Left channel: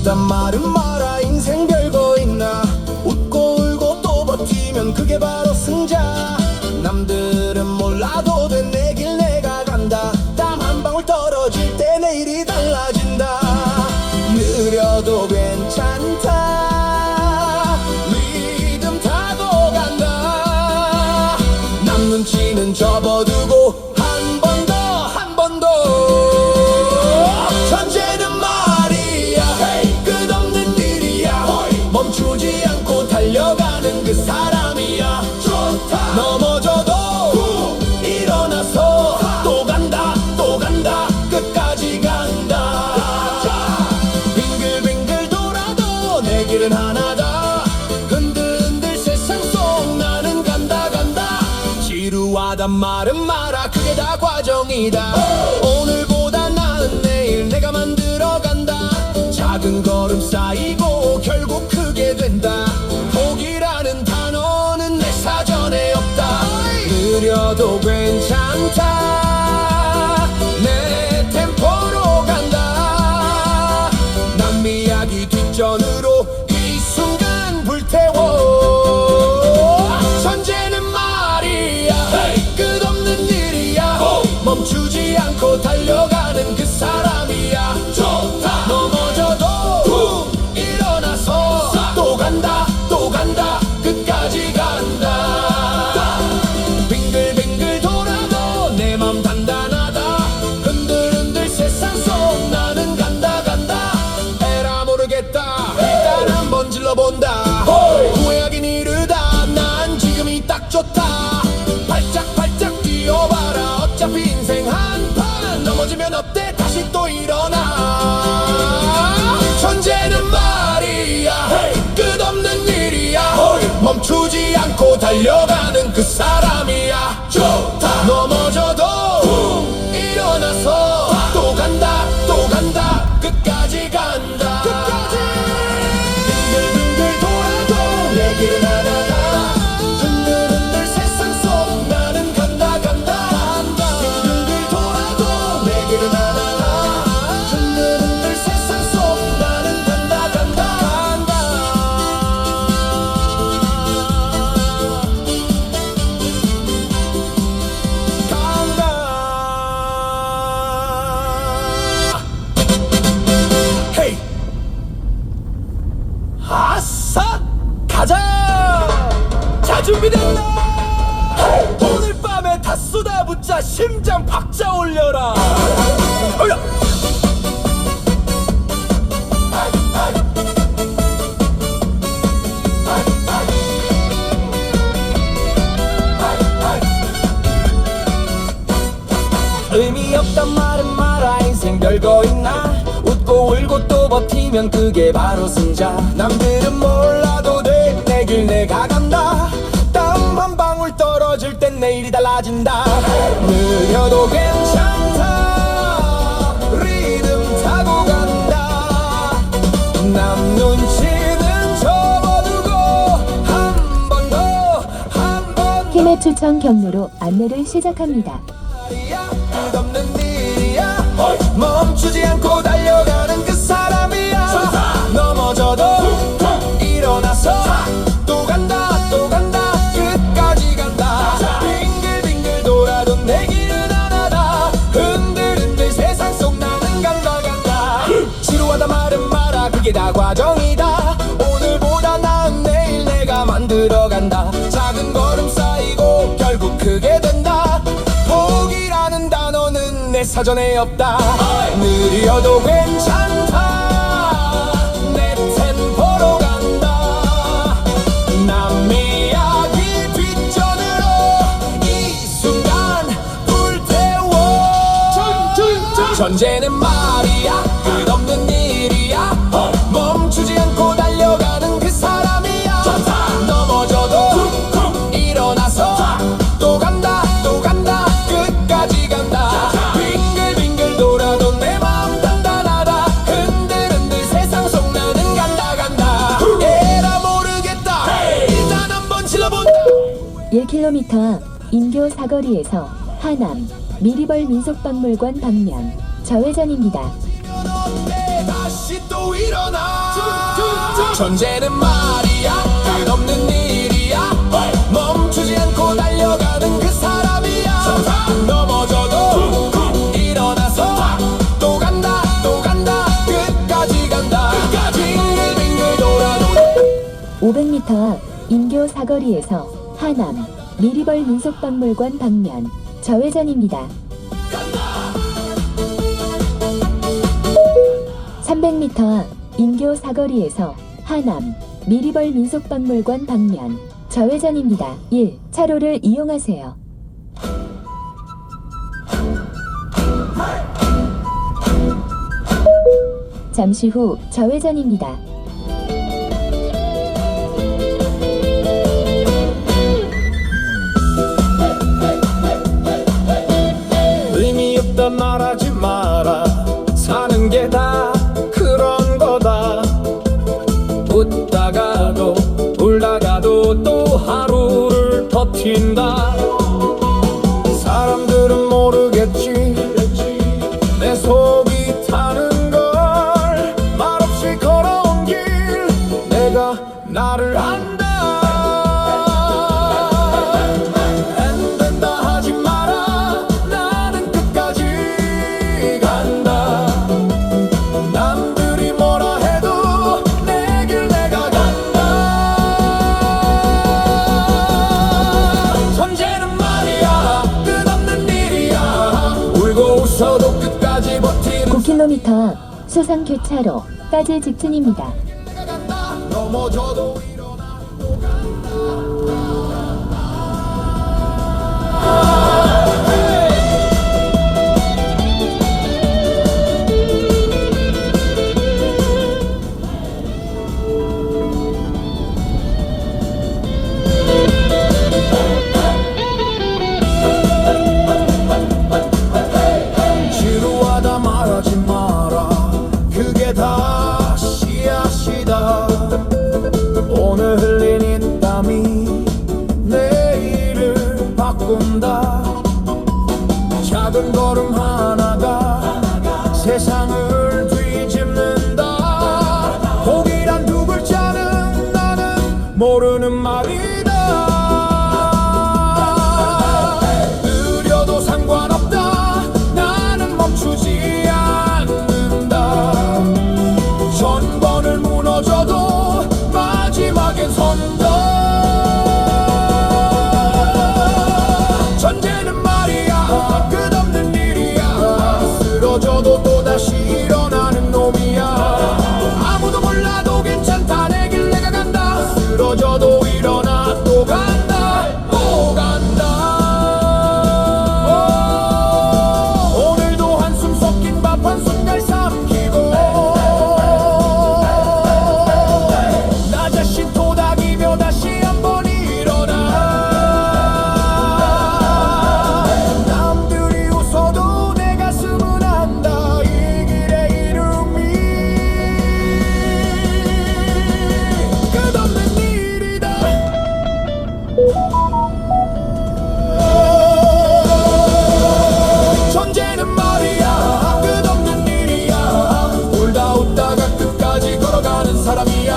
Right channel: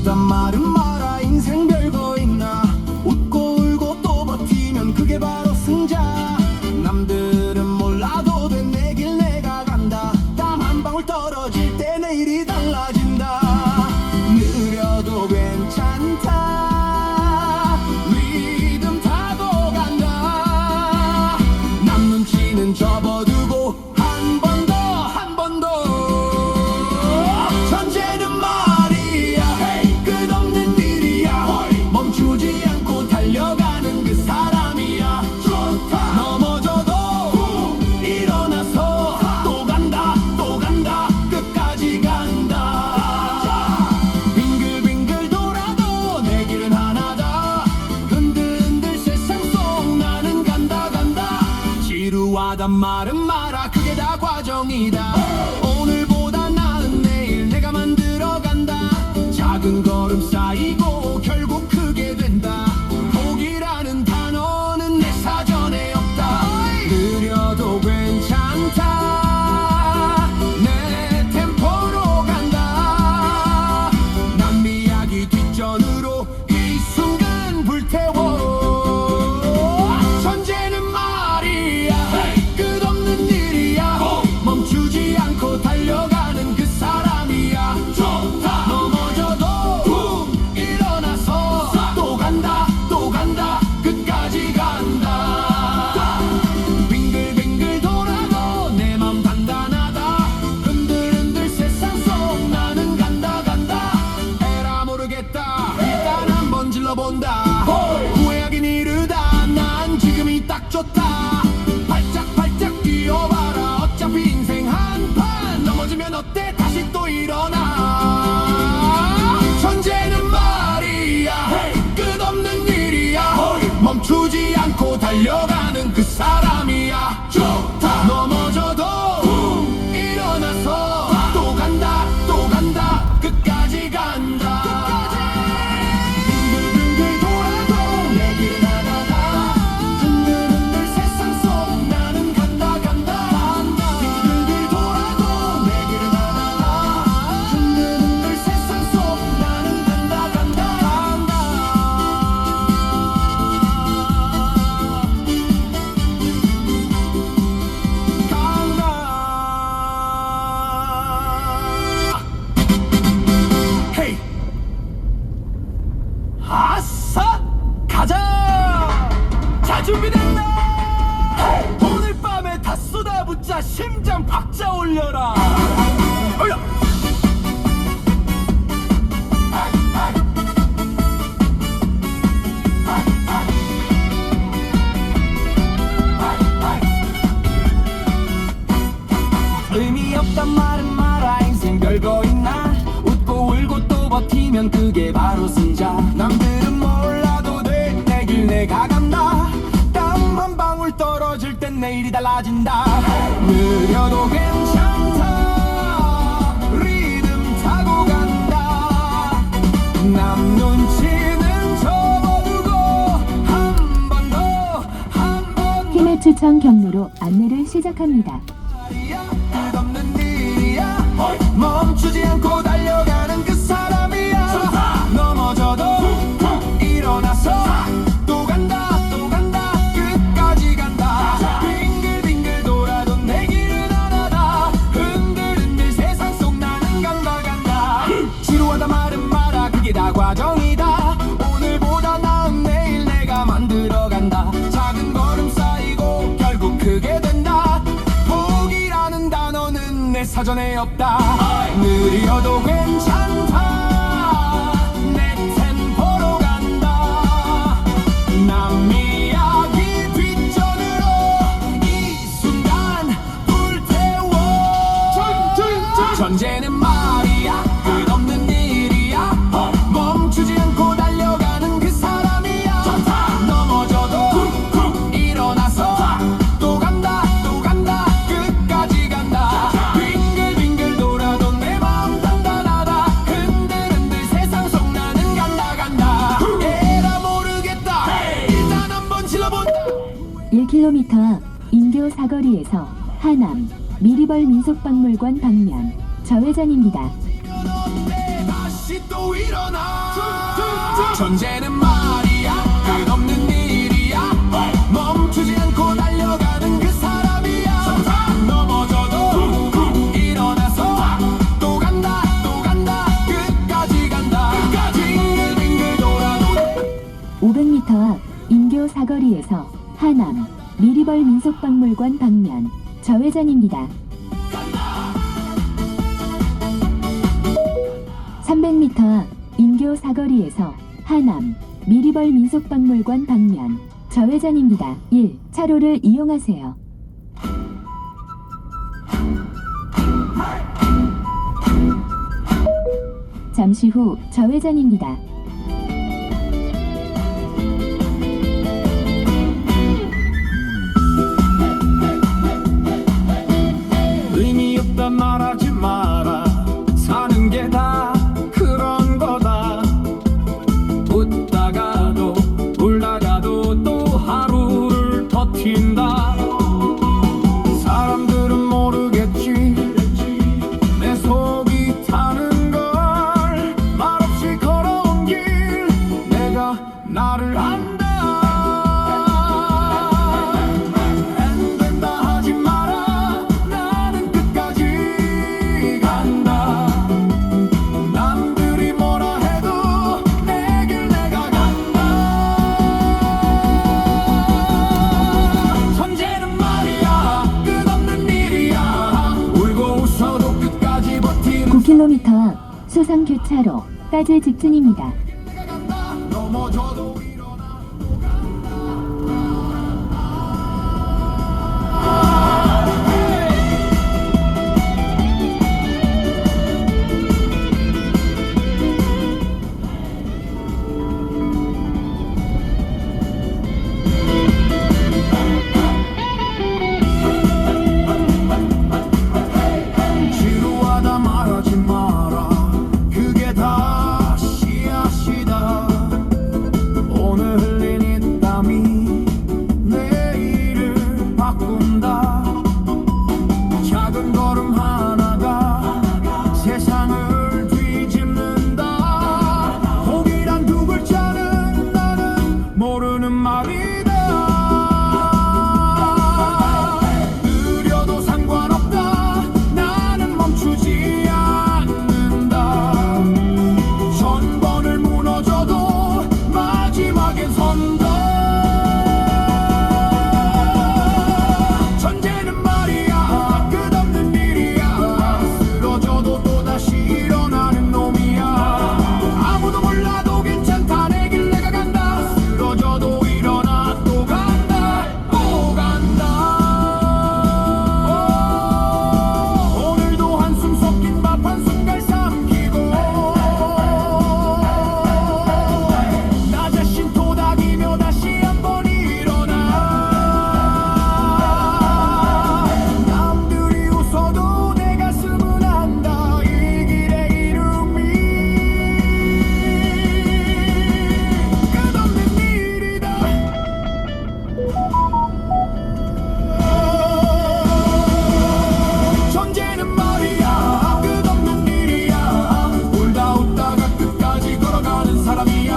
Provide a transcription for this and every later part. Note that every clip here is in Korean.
없단 말은 마라. 인생 별거 있나. 웃고 울고 또 버티면 그게 바로 승자. 남들은 몰라도 돼, 내 길 내가 간다. 땀 한 방울 떨어질 때 내일이 달라진다. 느려도 괜찮다. 리듬 타고 간다. 남 눈치는 접어두고 한 번 더, 한 번 더. 천재는 말이야 끝없는 일이야. 멈추지 않고 달려가는 그 사람이야. 좋다. 넘어져도 일어나서 또 간다, 또 간다, 끝까지 간다. 빙글빙글 돌아도 내 길은 하나다. 흔들흔들 세상 속 나는 간다, 간다. 지루하단 말은 마라. 그게 다 과정이다. 오늘보다 나은 내일 내가 만들어 간다. 작은 걸음 쌓이고 결국 크게 된다. 포기라는 단어는 내 사전에 없다. 느려도 괜찮다. 내 템포로 간다. 남 이야기 뒷전으로 이 순간 불태워. 천재는 말이야 끝없는 일이야. 멈추지 않고 달려가는 그 사람이야. 좋다. 넘어져도 일어나서 또 간다, 또 간다, 끝까지 간다. 빙글빙글 돌아도 내 맘 단단하다. 흔들흔들 세상 속 나는 간다, 간다. 에라 모르겠다. 일단 한번 질러본다. 후회하긴 이르다. 난 지금이 딱 좋다. 발짝발짝 뛰어봐라. 어차피 인생 한판. 넘어지면 어때? 다시 또 일어나. 천재는 말이야 끝없는 일이야. 멈추지 않고 달려가는 그 사람이야. 좋다. 넘어져도 일어나서 또 간다, 또 간다, 끝까지 간다. 빙글빙글 돌아도 내 길은 하나다. 흔들흔들 세상 속 나는 간다, 간다. 빙글빙글 돌아도 내 길은 하나다. 흔들흔들 세상 속 나는 간다, 간다, 간다. 헤이! 아싸! 가자! 자, 준비됐나? 오늘 밤에 다 쏟아붓자. 심장 박자 올려라. 어여! 의미 없단 말은 마라. 인생 별거 있나. 웃고 울고 또 버티면 그게 바로 승자. 남들은 몰라도 돼, 내 길 내가 간다. 땀 한 방울 떨어질 땐 내일이 달라진다. 느려도 괜찮다. 리듬 타고 간다. 남 눈치는 접어두고 한 번 더, 한 번 더. 힘의 추천 경로로 안내를 시작합니다. 끝없는 일이야. 멈추지 않고 달려가는 그 사람이야. 넘어져도 일어나서 또 간다, 또 간다, 끝까지 간다. 빙글빙글 돌아도 내 길은 하나다. 흔들흔들 세상 속 나는 간다, 간다. 지루하다 말은 마라. 그게 다 과정이다. 오늘보다 나은 내일 내가 만들어 간다. 작은 걸음 쌓이고 결국 크게 된다. 포기라는 단어는 내 사전에 없다. 느려도 괜찮다. 내 템포로 간다. 남 이야기 뒷전으로 이 순간 불태워. 천재는 말이야 끝없는 일이야. 멈추지 않고 달려가는 그 사람이야. 넘어져도 일어나서 또 간다, 또 간다, 끝까지 간다. 빙글빙글 돌아도 내 마음 단단하다. 흔들흔들 세상 속 나는 간다, 간다. 에라 모르겠다. 일단 한번 질러본다. 1km 앞 인교 사거리에서 하남 미리벌 민속박물관 방면 좌회전입니다. 다시 또 일어나. 전쟁은 말이야 끝없는 일이야. 멈추지 않고 달려가는 그 사람이야. 넘어져도 일어나서 또 간다 또 간다 끝까지 간다. 빙글빙글 돌아도 500m 앞 인교 사거리에서 하남 미리벌 민속박물관 방면 좌회전입니다. 300m 앞 인교 사거리에서 하남 미리벌 민속박물관 방면 좌회전입니다. 1차로를 이용하세요. 잠시 후 좌회전입니다. 의미 없다 말하지 마라. 사는 게 다 그런 거다. 웃다가도 울다가도 또 하루를 버틴다. 사람들은 모르겠지 내 속이 타는 걸. 말없이 걸어온 길 내가 나를 안다. 안 된다 하지 마라. 나는 끝까지 간다. 남들이 뭐라 해도 내 길 내가 간다. 전쟁은 말이야 끝없는 일이야. 울고 웃어도 끝까지 버티는 9km 앞 수상교차로까지 직진입니다. 내가 간다. 넘어져도 일어나 또 지루하다 말하지 마라. 그게 다 씨앗이다. 오늘 흘린 이 땀이 내일을 바꾼다. 작은 걸음 하나가 세상을 뒤집는다. 복이란 두 글자는 나는 모르는 말이다. 느려도 상관없다. 나는 멈추지 않는다. 천 번을 무너져도 마지막엔 선다. 전쟁은 말이야 끝없는 일이야. 쓰러져도 또다시 일어나는 놈이야. 아무도 몰라도 괜찮다. 내 길 내가 간다. 쓰러져도 일어나 또 간다 또 간다. 오늘도 한숨 섞인 밥 한 숟갈 삼키고 나 자신 토닥이며 다시 한번 일어나. 남들이 웃어도 내 가슴은 안다. 이 길의 이름이 끝없는 일이다. 전쟁은 말이야 끝없는 일이야. 울다 웃다가 끝까지 걸어가는 사람이야.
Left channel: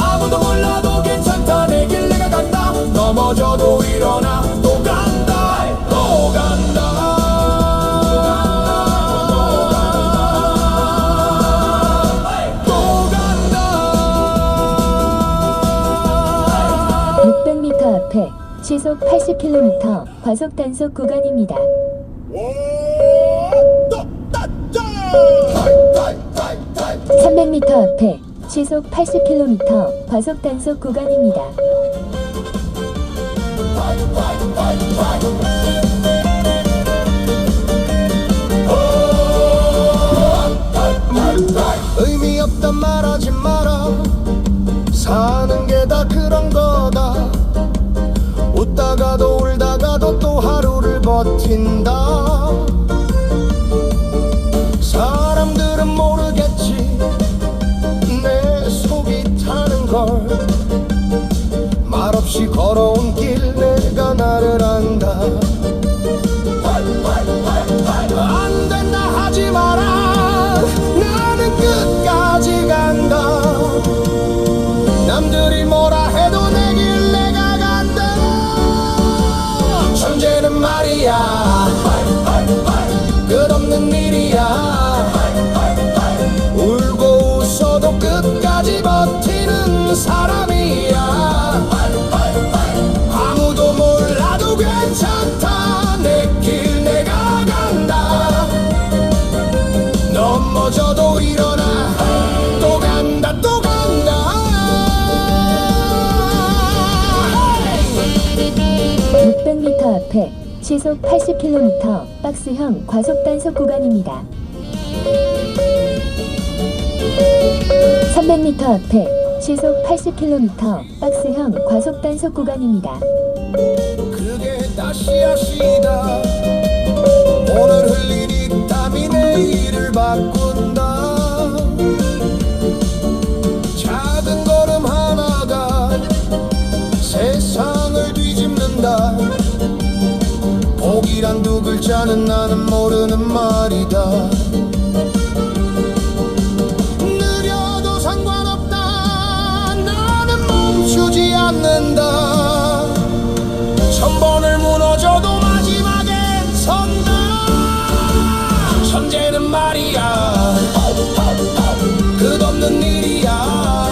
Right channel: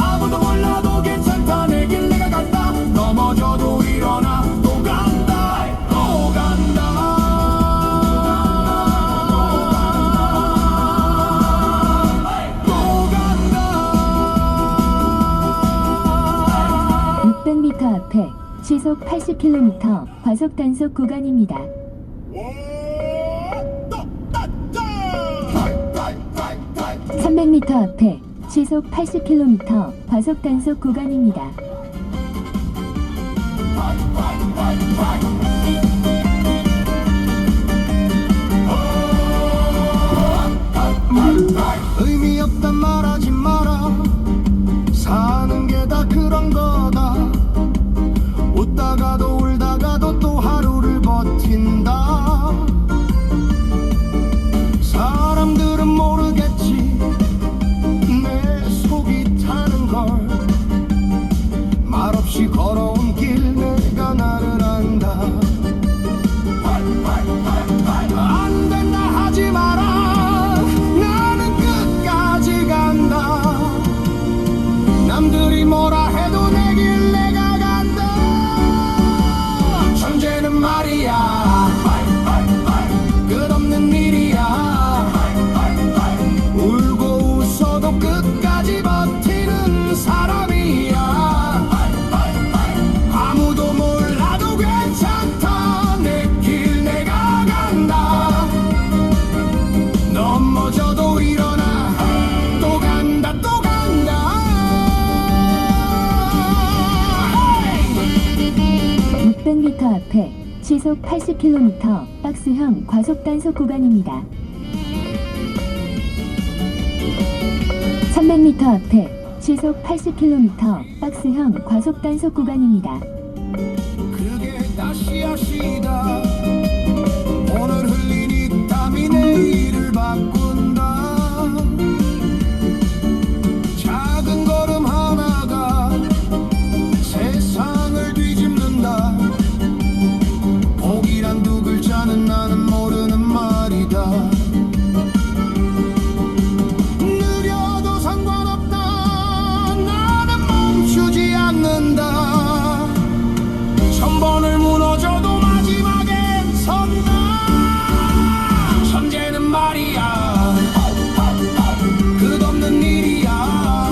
아무도 몰라도 괜찮다. 내 길 내가 간다. 넘어져도 일어나 또 간다 또 간다. 또 간다. 600m 앞에 시속 80km 과속 단속 구간입니다. 300m 앞에 시속 80km 과속 단속 구간입니다. 의미 없단 말하지 마라. 사는 게 다 그런 거다. 웃다가도 울다가도 또 하루를 버틴다. 사람들은 모르겠지 내 속이 타는 걸. 시속 80km 박스형 과속 단속 구간입니다. 300m 앞에 시속 80km 박스형 과속 단속 구간입니다. 그게 다시야 시다. 오늘 흘린 이 땀이 내일을 바꾼다. 작은 걸음 하나가 세상을 뒤집는다. 복이란 두 글자는 나는 모르는 말이다. 느려도 상관없다. 나는 멈추지 않는다. 천번을 무너져도 마지막엔 선다. 천재는 말이야 끝없는 일이야.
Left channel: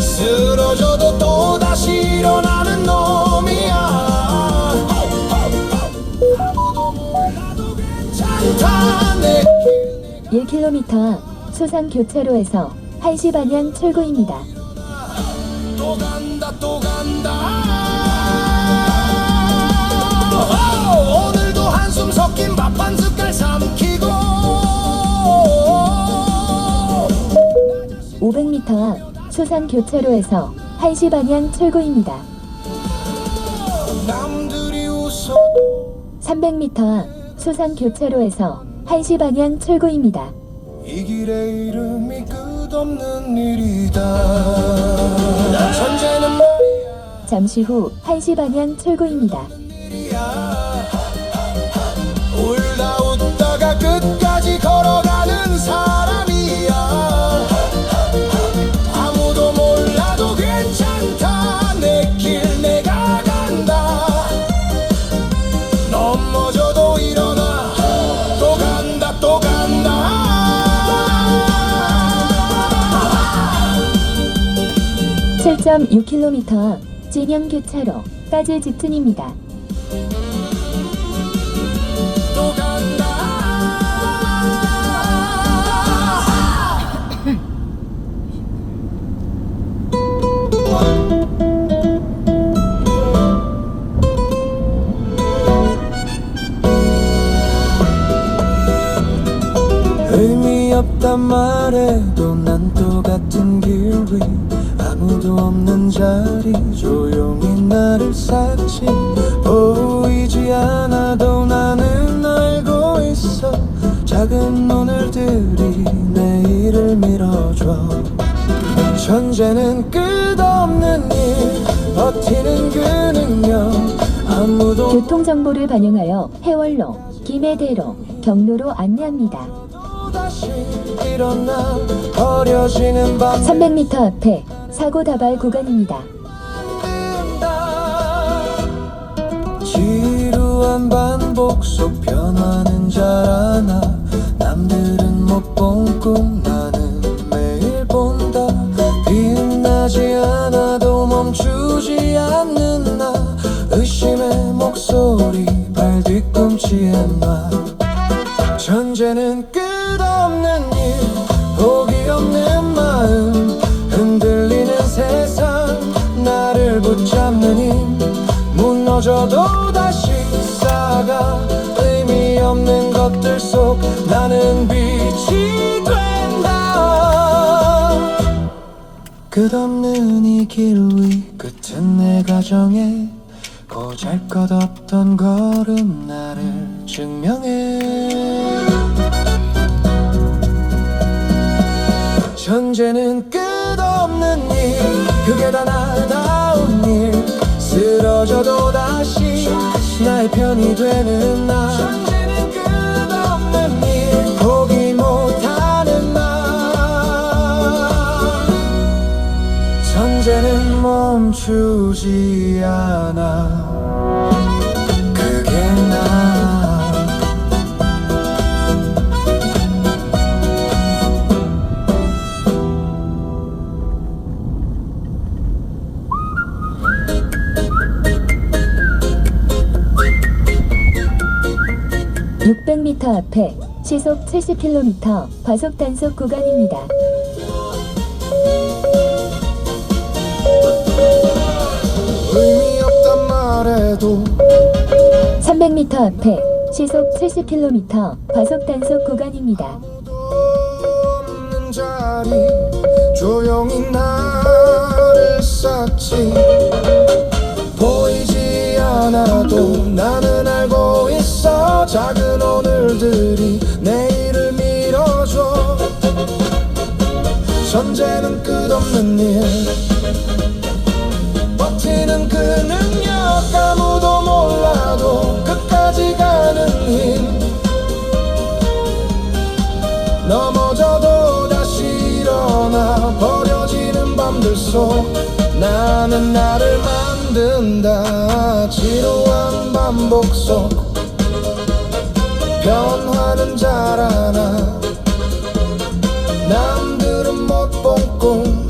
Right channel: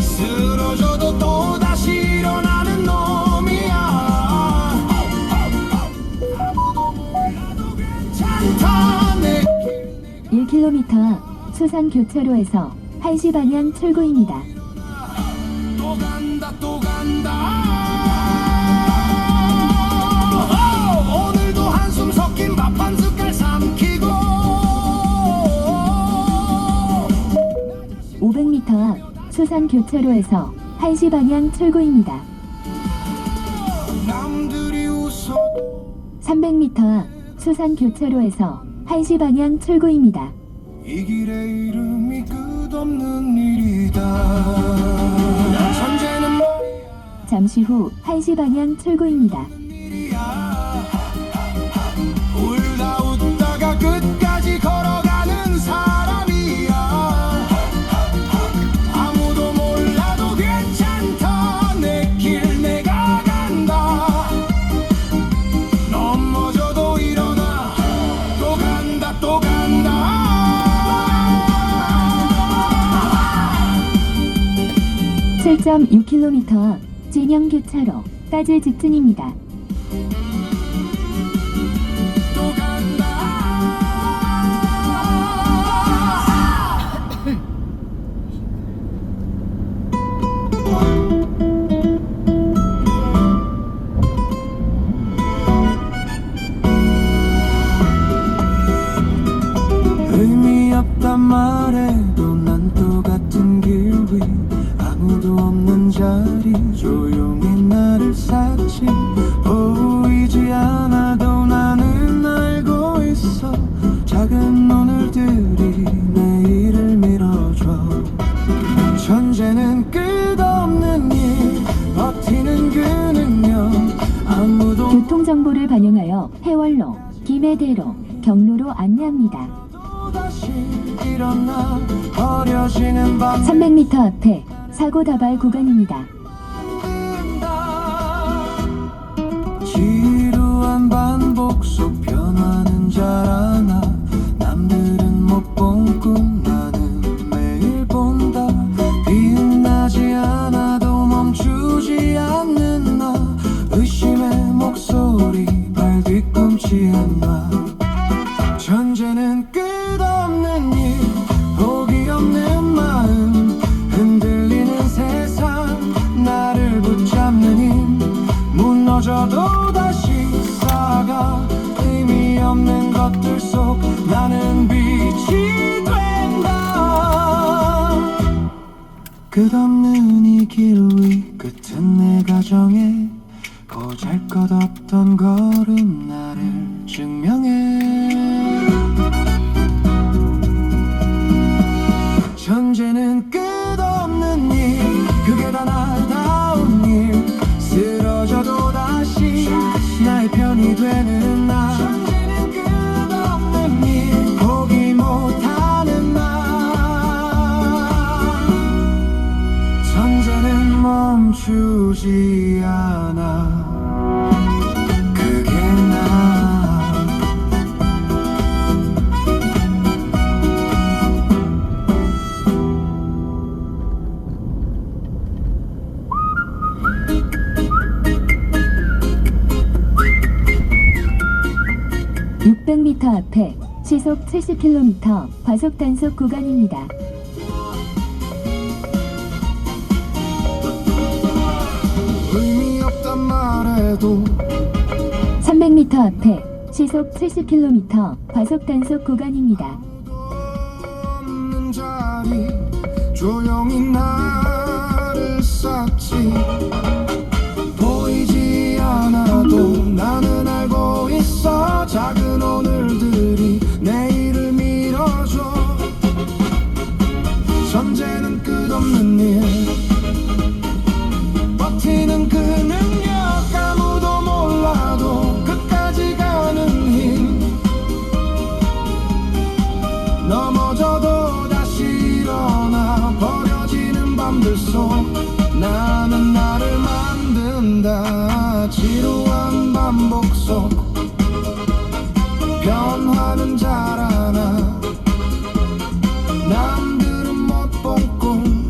쓰러져도 또다시 일어나는 놈이야. 아무도 몰라도 괜찮다. 내 1km 수산 교차로에서 1시 방향 출구입니다. 또 간다 또 간다. 오늘도 한숨 섞인 밥 한 숟갈 삼키고. 500m 앞 수산 교차로에서 1시 방향 출구입니다. 남들이 웃어 300m 앞 수산 교차로에서 1시 방향 출구입니다. 이 길의 이름이 끝없는 일이다. 천재는 말이야 잠시 후 1시 방향 출구입니다. 일이야. 울다 웃다가 끝까지 걸어가는 사람이야. 아무도 몰라도 괜찮다. 내 길 내가 간다. 넘어져도 일어나. 또 간다 또 간다. 7.6km 앞 진영 교차로까지 직진입니다. 또 간다. 의미 없단 말해도 난 똑같은 길 위 아무도 없는 자리 조용히 나를 삭지. 보이지 않아도 나는 알고 있어. 작은 눈을들이 내일을 밀어줘. 천재는 끝없는 일 버티는 그 능력. 아무도 교통정보를 반영하여 해월로, 김해대로, 경로로 안내합니다. 다시 일어나 버려지는 밤 300m 앞에 사고 다발 구간입니다. 지루한 반복 속 변화는 잘 아나. 남들은 못 본 꿈 나는 매일 본다. 빛나지 않아도 멈추지 않는 나. 의심의 목소리 발 뒤꿈치에 놔. 천재는 끝없는 일 포기 없는 마음. 흔들리는 세상 나를 붙잡는 힘. 무너져도 다시 쌓아가. 의미 없는 것들 속 나는 빛이 된다. 끝없는 이 길 위 끝은 내 가정에 보잘것없던 걸음 나를 증명해. 천재는 끝없는 일 그게 다 나다운 일. 쓰러져도 다시 나의 편이 되는 나. 천재는 끝없는 일 포기 못하는 나. 천재는 멈추지 않아. 그게 나. (600m) 앞에 시속 70km 과속 단속 구간입니다. 의미 없단 말해도 300m 앞에 시속 70km 과속 단속 구간입니다. 없는 자리 조용히 나를 쌌지. 보이지 않아도 나는 알고 있어. 작은 오늘들이 내일을 밀어줘. 현재는 끝없는 일, 버티는 그 능력 아무도 몰라도 끝까지 가는 힘. 넘어져도 다시 일어나 버려지는 밤들 속 나는 나를 만든다. 지루한 반복 속 변화는 자라나. 남들은 못 본 꿈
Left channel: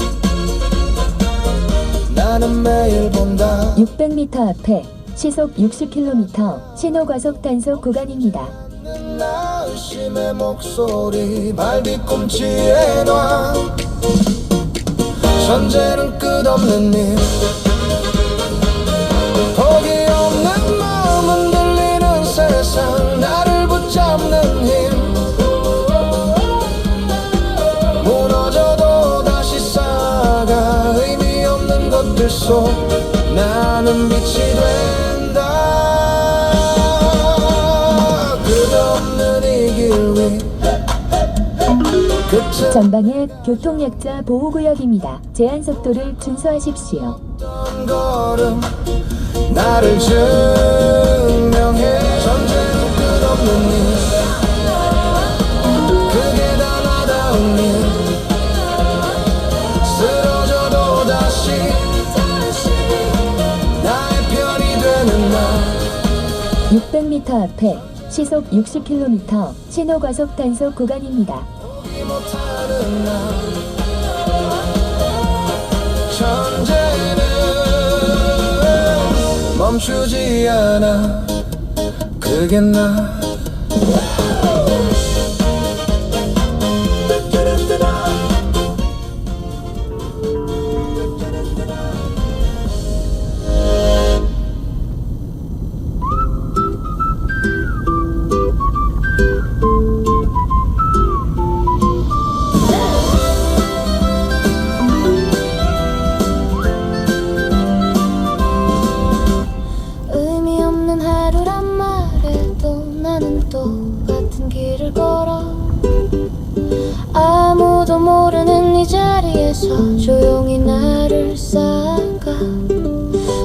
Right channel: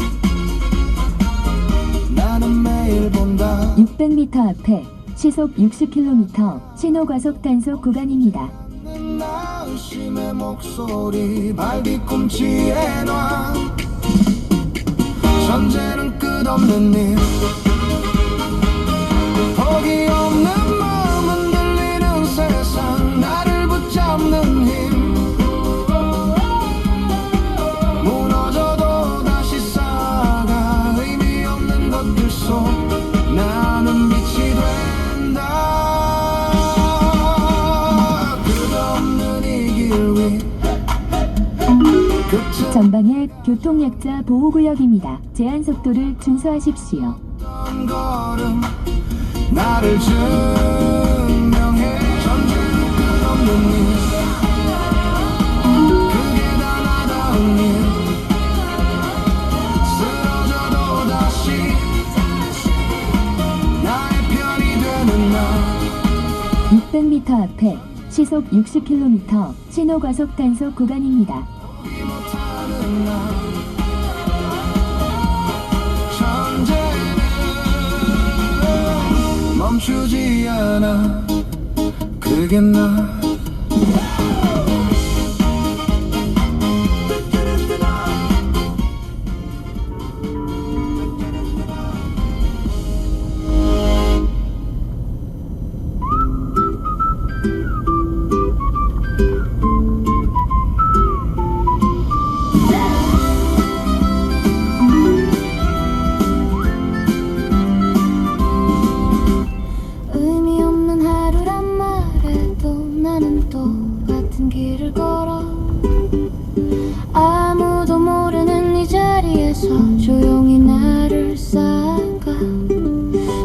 나는 매일 본다. 600m 앞에 시속 60km 신호 과속 단속 구간입니다. 나 의심의 목소리 발뒤꿈치에 놔. 현재는 끝없는 일, 포기 없는 마음 흔들리는 세상 나를 붙잡는 힘. 무너져도 다시 쌓아가 의미 없는 것들 속 나는 빛이 된다. 끝없는 이 길 위 끝은 전방에 교통약자 보호구역입니다. 제한 속도를 준수하십시오. 어떤 걸음 나를 증명해. 전쟁은 끝없는 일, 그게 다 나다운 일. 쓰러져도 다시 나의 편이 되는 날. 600m 앞에 시속 60km 신호 과속 단속 구간입니다. 포기 못하는 나. 현재는 멈추지 않아. 그게 나. 의미 없는 하루란 말해도 나는 똑같은 길을 걸어. 아무도 모르는 이 자리에서 조용히 나를 쌓아가.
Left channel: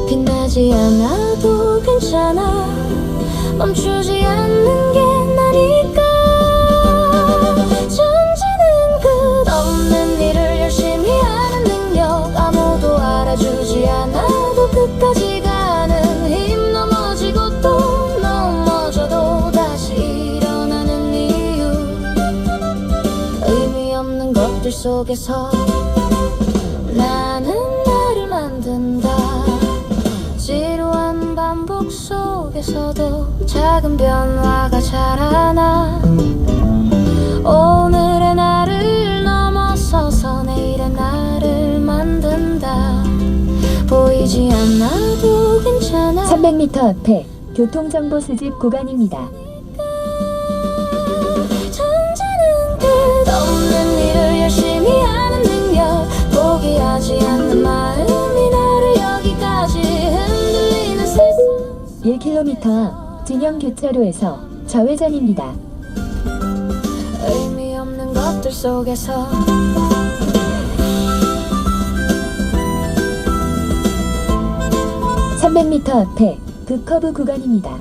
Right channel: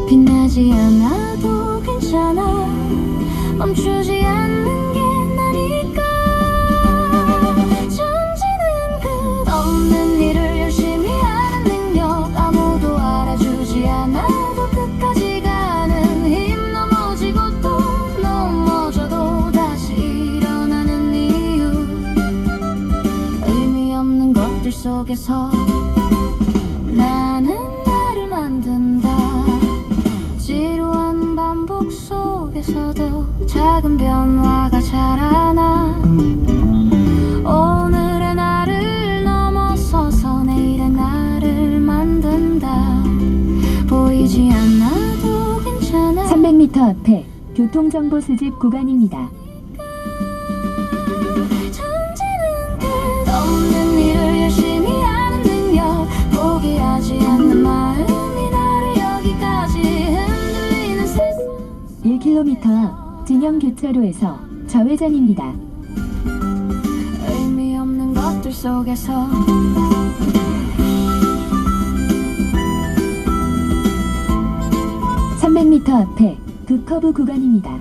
빛나지 않아도 괜찮아. 멈추지 않는 게 나니까. 존재는 끝없는 일을 열심히 하는 능력. 아무도 알아주지 않아도 끝까지 가는 힘. 넘어지고 또 넘어져도 다시 일어나는 이유. 의미 없는 것들 속에서 나는 나를 만든다. 지루한 반복 속에서도 작은 변화가 자라나. 오늘의 나를 넘어서서 내일의 나를 만든다. 보이지 않아도 괜찮아. 300m 앞에 교통정보 수집 구간입니다. 존재는 끝없는 일을 열심히 하는 능력. 포기하지 않는 마음이 나를 여기까지 흔들리는 세상. 1km 앞 진영교차로에서 좌회전입니다. 의미 없는 것들 속에서 300m 앞에 급커브 구간입니다.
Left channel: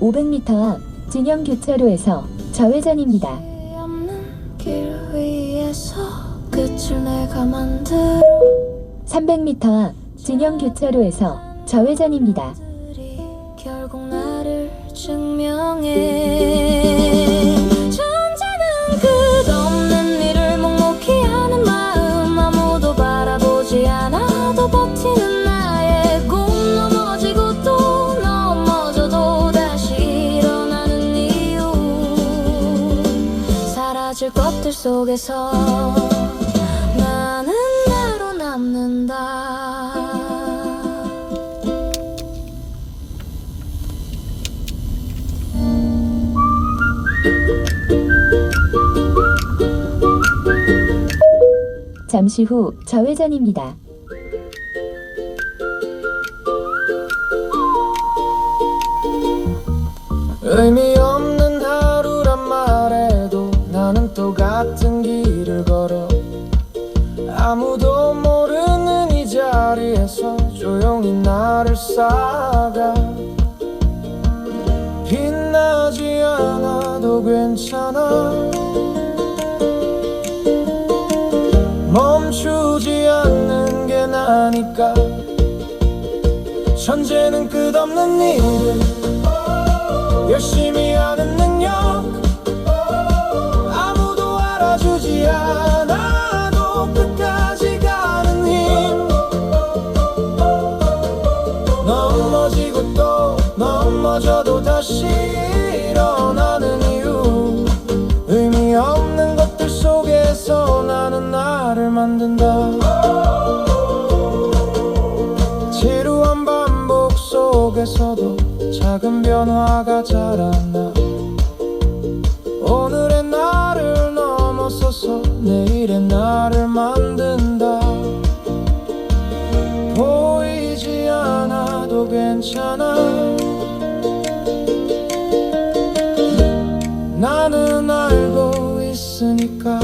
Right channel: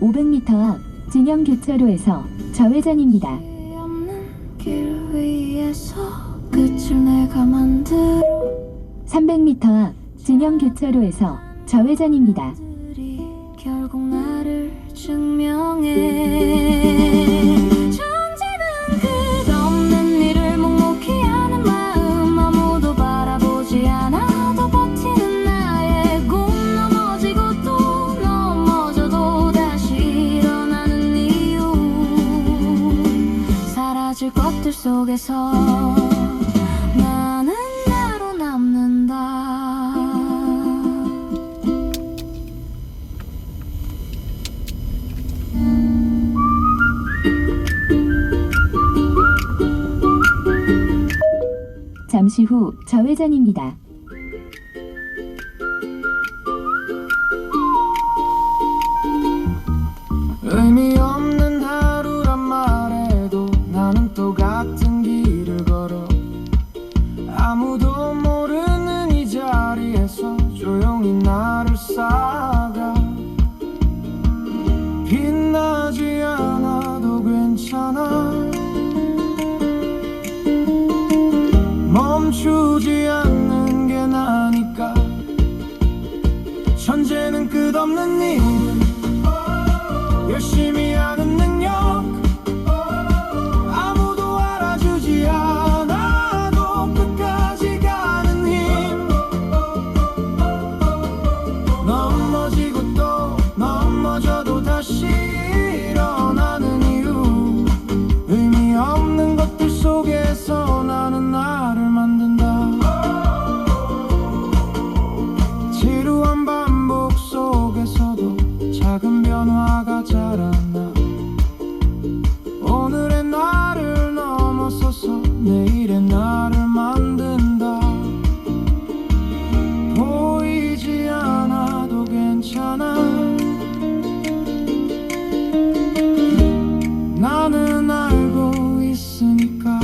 500m 앞 진영교차로에서 좌회전입니다. 없는 길 위에서 끝을 내가 만들어. 300m 앞 진영교차로에서 좌회전입니다. 들이 결국 나를 증명해. 존재는 끝없는 일을 묵묵히 하는 마음. 아무도 바라보지 않아도 버티는 나의 꿈. 넘어지고 또 넘어져도 다시 일어나는 이유. 사라질 것들 속에서 나는 나로 남는다. 잠시 후 좌회전입니다. 의미 없는 하루란 말해도 나는 또 같은 길을 걸어 아무도 모르는 이 자리에서 조용히 나를 쌓아가 빛나지 않아도 괜찮아 멈추지 않는 게 나니까 천재는 끝없는 일을 열심히 하는 능력 아무도 알아주지 않아도 끝까지 가는 힘 넘어지고 또 넘어져도 다시 일어나는 이유 의미 없는 것들 속에서 나는 나를 만든다 지루한 반복 속에서도 작은 변화가 자라나 오늘의 나를 넘어서서 내일의 나를 만든다 보이지 않아도 괜찮아 나는 알고 있으니까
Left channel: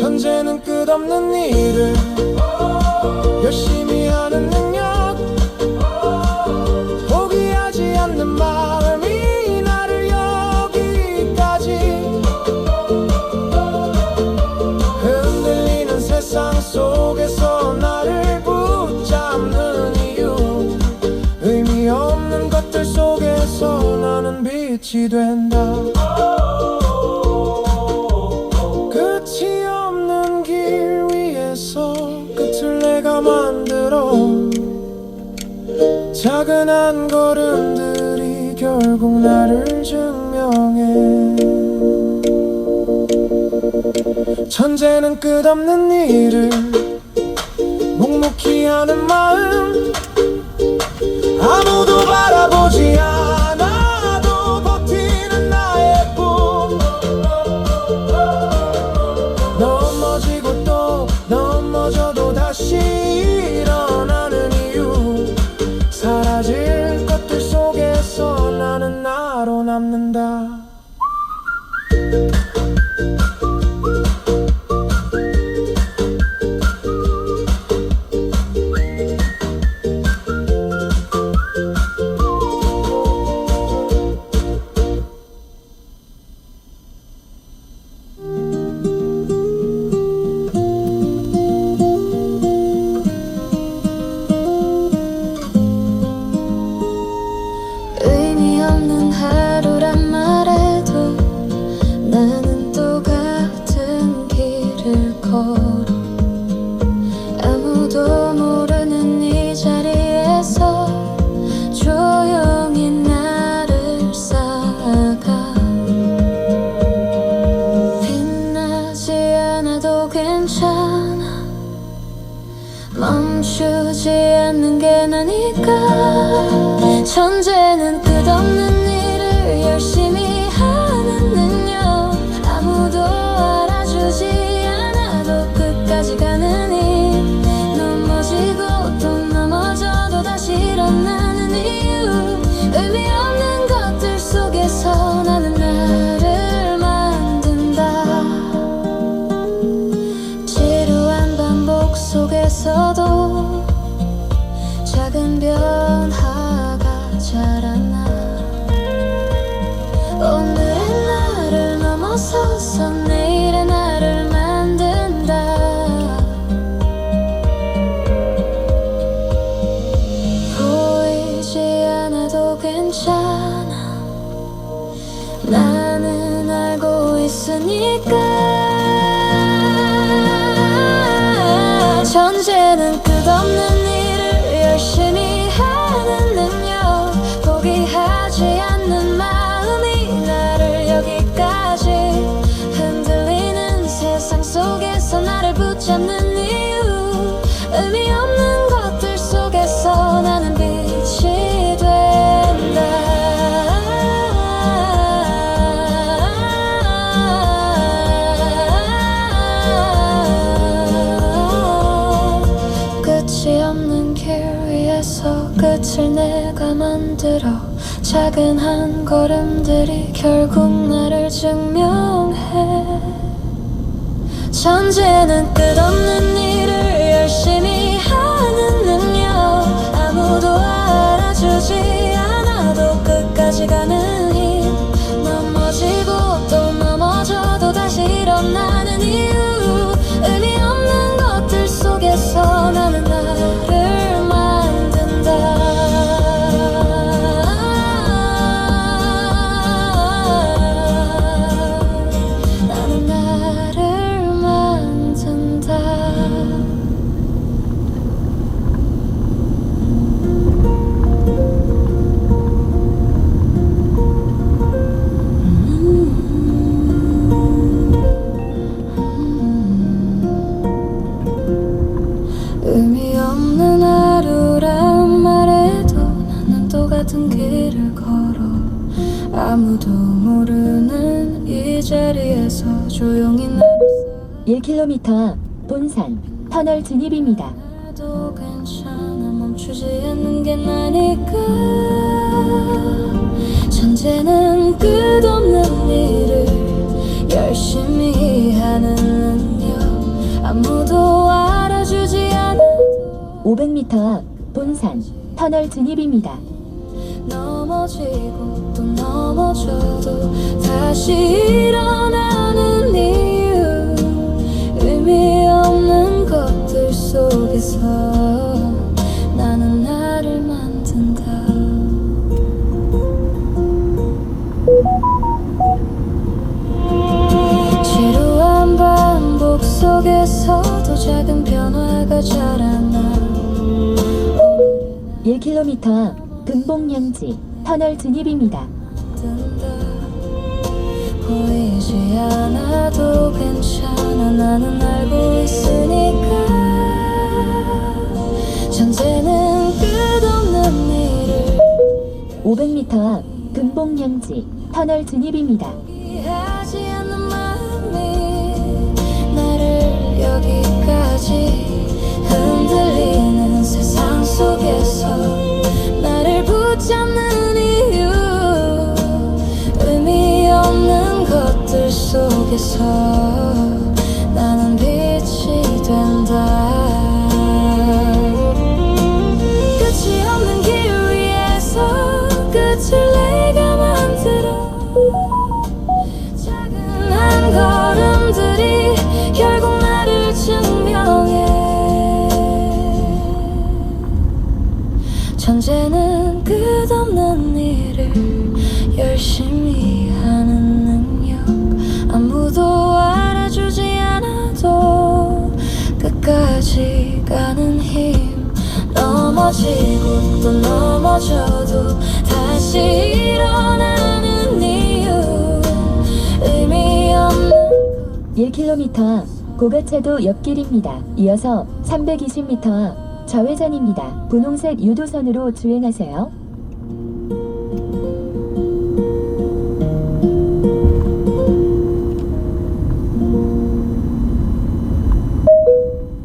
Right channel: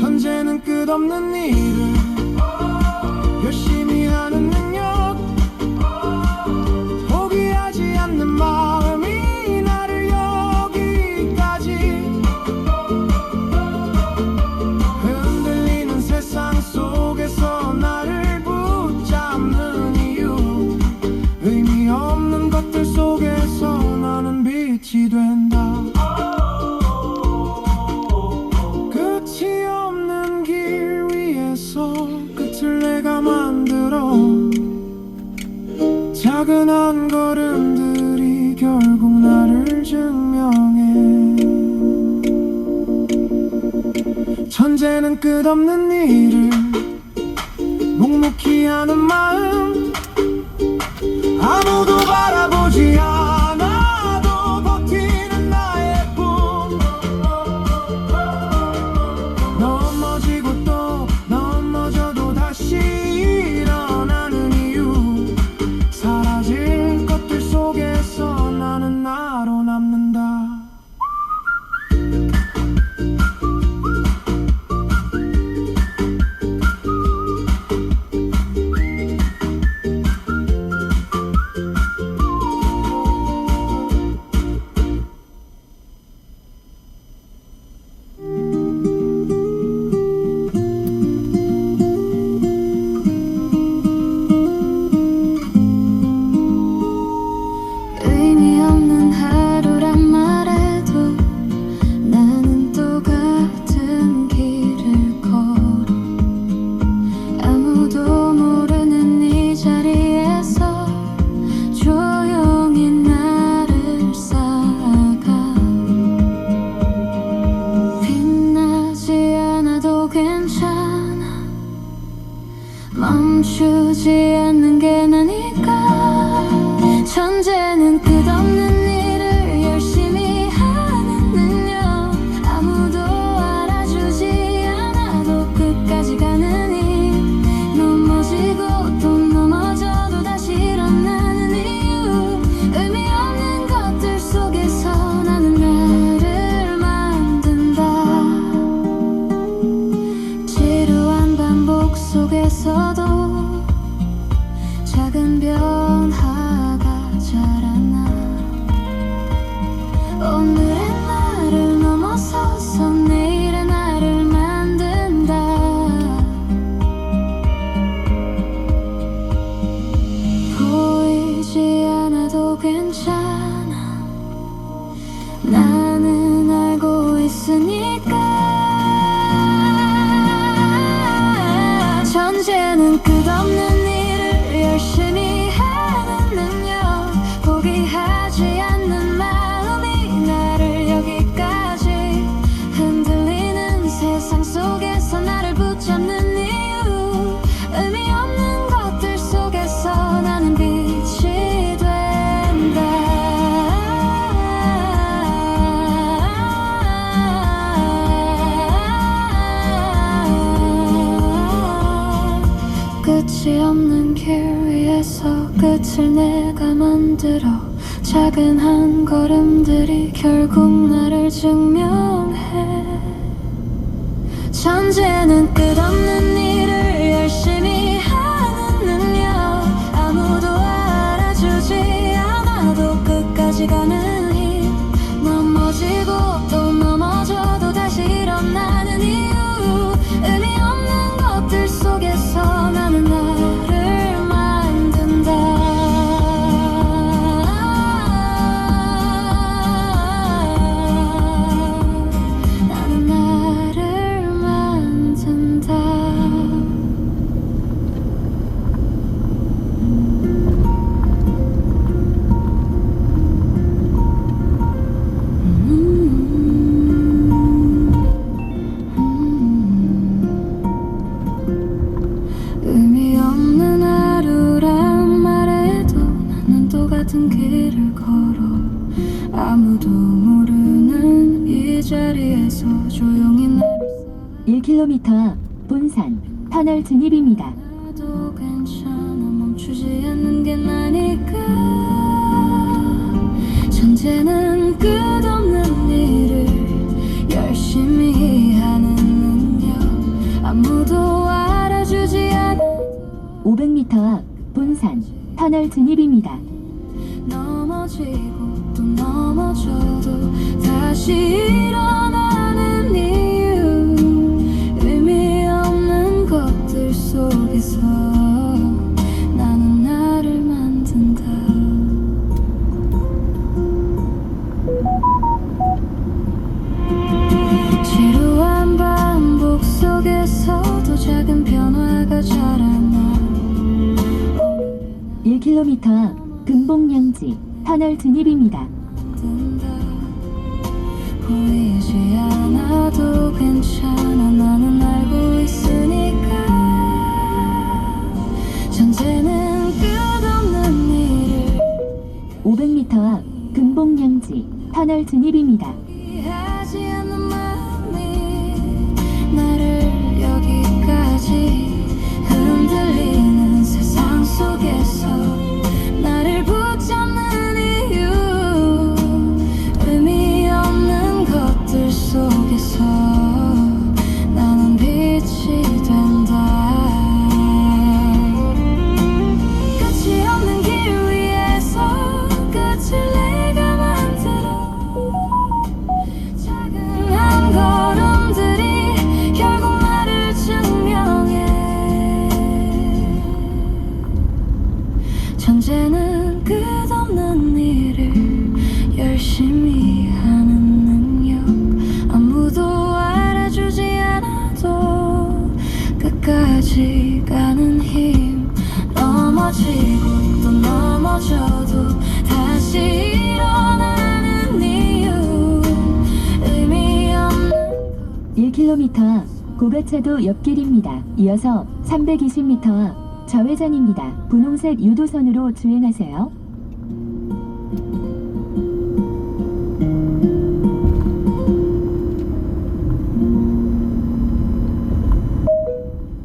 천재는 끝없는 일을 열심히 하는 능력 포기하지 않는 마음이 나를 여기까지 흔들리는 세상 속에서 나를 붙잡는 이유 의미 없는 것들 속에서 나는 빛이 된다 끝이 없는 길 위에서 끝을 내가 만들어 작은 한 걸음들이 결국 나를 증명해 천재는 끝없는 일을 묵묵히 하는 마음 아무도 바라보지 않아도 버티는 나의 꿈 넘어지고 또 넘어져도 다시 일어나는 이유 사라질 것들 속에서 나는 나로 남는다 작은 한 걸음들이 결국 나를 증명해. 천재는 끝없는 일을 열심히 하는 능력, 아무도 알아주지 않아도 끝까지 가는 힘, 넘어지고 또 넘어져도 다시 일어나는 이유, 의미 없는 것들 속에서 나는 나를 만든다. 나는 나를 만든다. 의미 없는 하루란 말해도 나는 똑같은 길을 걸어. 아무도 모르는 이 자리에서 조용히 나를 1km 앞 본산 터널 진입입니다. 쌓아도 괜찮아. 멈추지 않는 게 나니까. 천재는 끝없는 일을 열심히 하는 능력, 아무도 알아주지 않아. 500m 앞 본산 터널 진입입니다. 넘어지고 또 넘어져도 다시 일어나는 이유, 의미 없는 것들 속에서 나는 나를 만든다. 지루한 반복 속에서도 작은 변화가 자라나. 1km 앞 금봉양지 터널 진입입니다. 뜬다. 보이지 않아도 괜찮아. 나는 알고 있으니까. 천재는 끝없는 일을 500m 앞 금봉양지 터널 진입입니다. 이해하지 않는 마음이 나를 여기까지 흔들리는 세상 속에서 나를 붙잡는 이유, 의미 없는 것들 속에서 나는 빛이 된다. 끝이 없는 길 위에서 끝을 내가 만들어. 작은 한 걸음들이 결국 나를 증명해. 천재는 끝없는 일을 열심히 하는 능력, 아무도 알아주지 않아도 끝까지 가는 힘, 넘어지고 또 넘어져도 다시 일어나는 이유, 의미 없는 1km 앞 고가차도 옆길입니다. 이어서 320m 앞 좌회전입니다. 분홍색 유도선으로 주행하세요.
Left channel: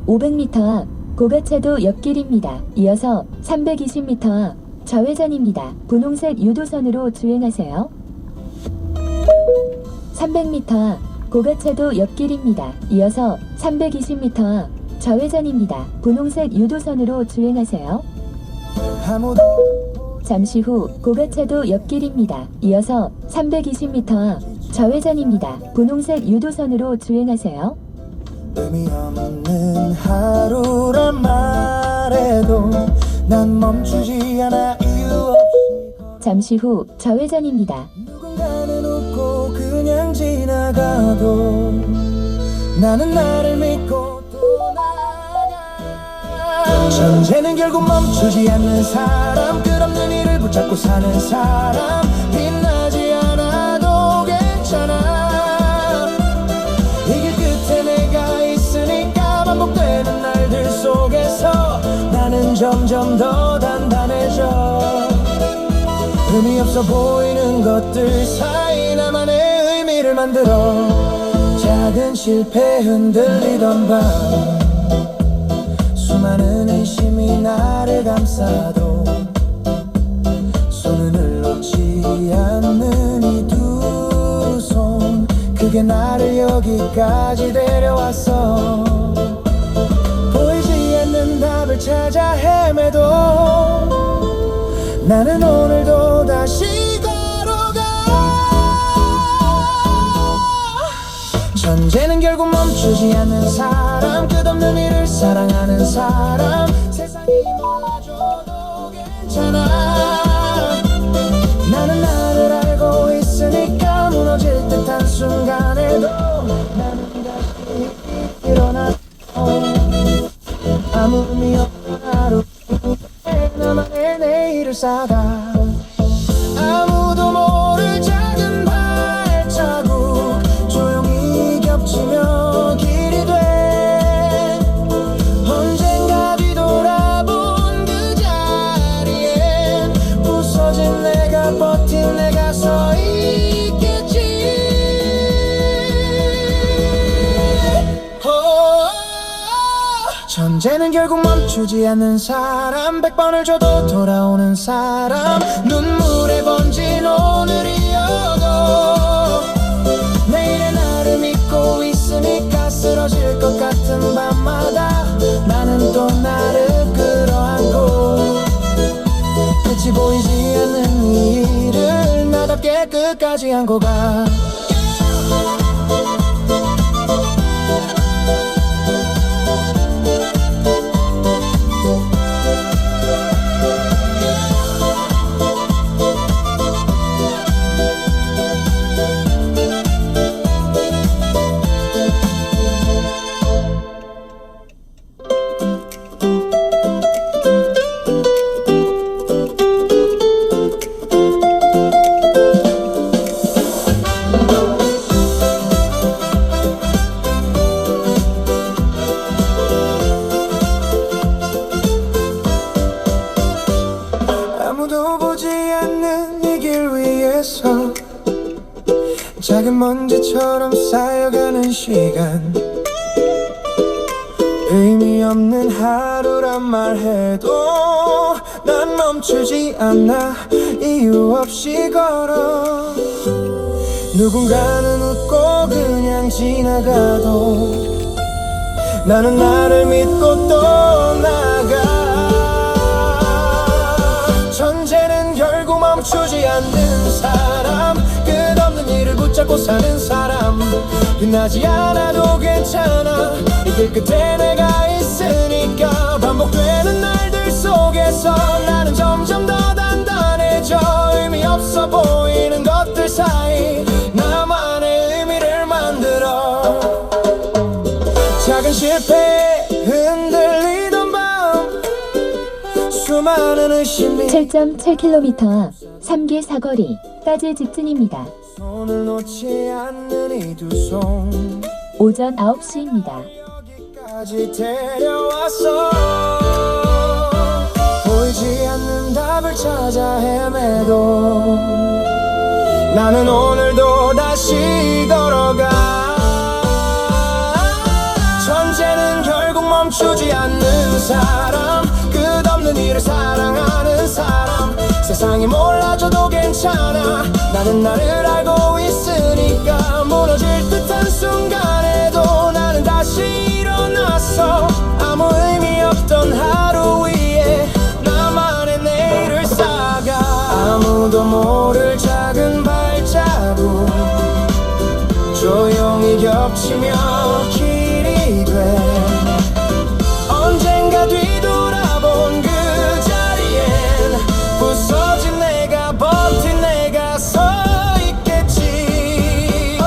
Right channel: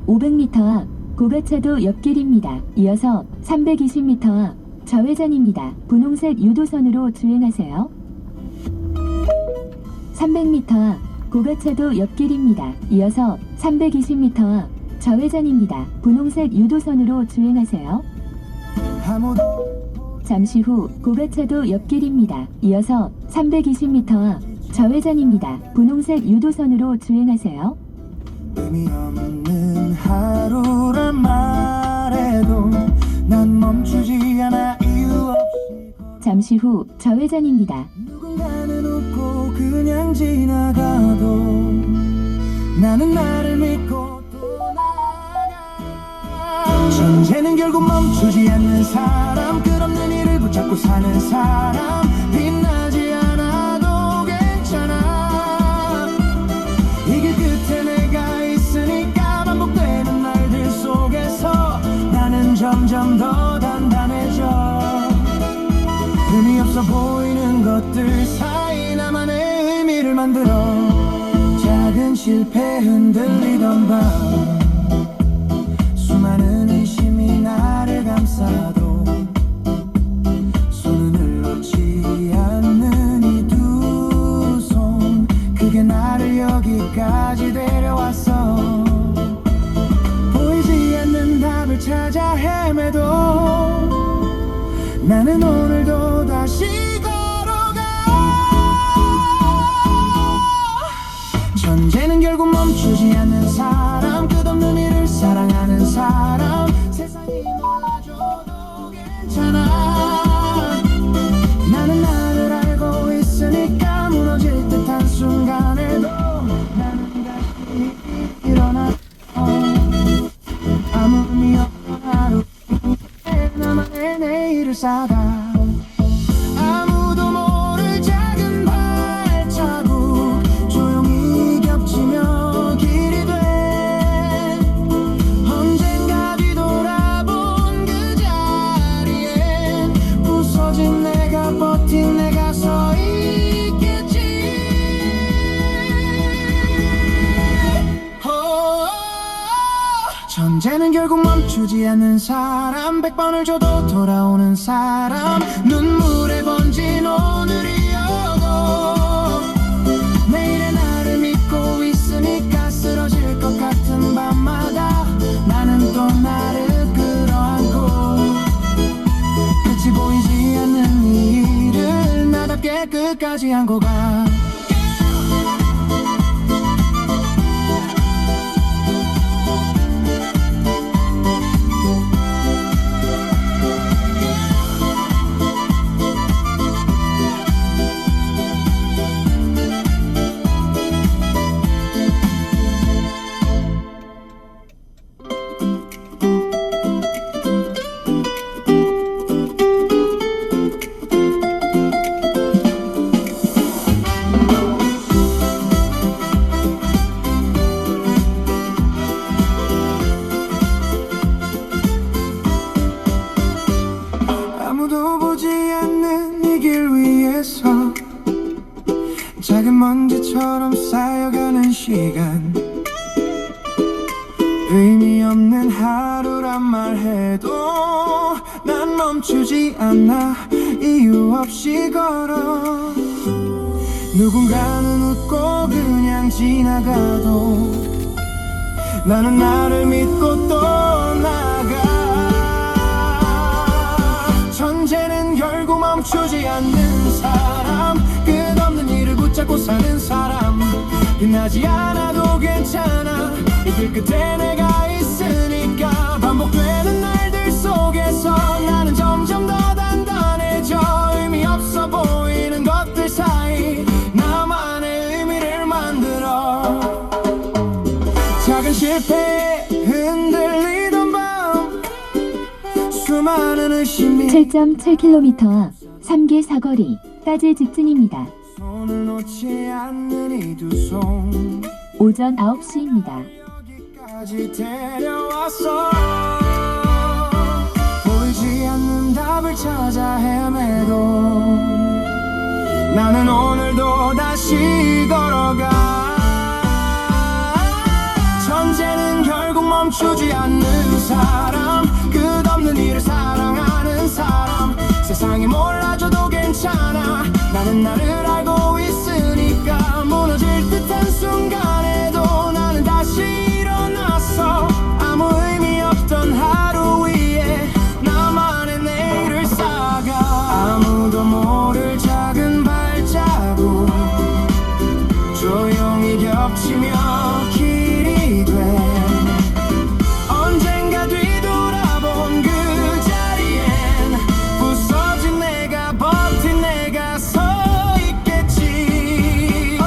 (500m) 앞 고가차도 옆길입니다. 이어서 320m 앞 좌회전입니다. 분홍색 유도선으로 주행하세요. 300m 앞 고가차도 옆길입니다. 이어서 320m 앞 좌회전입니다. 분홍색 유도선으로 주행하세요. 아무도 잠시 후 고가차도 옆길입니다. 이어서 320m 앞 좌회전입니다. 분홍색 유도선으로 주행하세요. 의미 없는 하루란 말해도 난 멈추지 않아 이유 없이. 잠시 후 좌회전입니다. 누군가는 웃고 그냥 지나가도 나는 나를 믿고 또 나아가. 천재는 결국 멈추지 않는 사람, 끝없는 일을 붙잡고 사는 사람, 빛나지 않아도 괜찮아. 이 길 끝에 내가 있으니까. 반복되는 날들 속에서 나는 점점 더 단단해져. 의미 없어 보이는 것들 사이 나만의 의미를 만들어. 작은 실패 흔들리던 밤, 수많은 의심이 나를 감싸도 손을 놓지 여기까지 데려왔어. 보이지 않는 답을 찾아 헤매도 나는 오늘도 다시 걸어가. 전제는 결국 멈추지 않는 사람, 끝없는 일을 사랑하는 사람. 세상이 몰라줘도 괜찮아. 나는 나를 알고 있으니까 무너질 듯한 순간에도 나는 다시 일어나. 아무 의미 없는 하루 위에 나만의 내일을 쌓아. 아무도 모를 작은 발자국 조용히 겹치며 길이 돼. 언젠가 뒤돌아본 그 자리에 부서진 내가 버틴 내가 서 있겠지. 전제는 결국 멈추지 않는 사람, 100번을 줘도 돌아오는 사람. 눈물에 번진 오늘이어도 내일의 나를 믿고 있으니까 쓰러질 것 같은 밤마다 나는 또 나를 끌어안고 끝이 보이지 않는 이 일을 나답게 끝까지 안고 가. 아무도 보지 않는 이 길 위에서 작은 먼지처럼 쌓여가는 시간. 의미 없는 하루란 말해도 난 멈추지 않아. 이유 없이 걸어. 누군가는 웃고 그냥 지나가도 나는 나를 믿고 또 나가. 전제는 결국 멈추지 않는 사람, 끝없는 일을 붙잡고 사는 사람. 빛나지 않아도 괜찮아. 이 길 끝에 내가 있으니까. 반복되는 날들 속에서 나는 점점 더 단단해져. 의미 없어 보이는 것들 사이 나만의 의미를 만들어. 작은 실패에 흔들리던 밤, 수많은 의심이 7.7km 앞 3기 사거리까지 직진입니다. 손을 놓지 않는 이 두 손 오전 9시입니다. 여기까지 데려왔어. 보이지 않는 답을 찾아 헤매도 나는 오늘도 다시 걸어가. 전제는 결국 멈추지 않는 사람, 끝없는 일을 사랑하는 사람. 세상이 몰라줘도 괜찮아. 나는 나를 알고 있으니까 무너질 듯한 순간에도 나는 다시 일어났어. 아무 의미 없던 하루 위에 나만의 내일을 쌓아. 아무도 모를 작은 발자국 조용히 겹치며 길이 돼. 언젠가 뒤돌아본 그 자리엔 부서진 내가 버틴 내가 서 있겠지.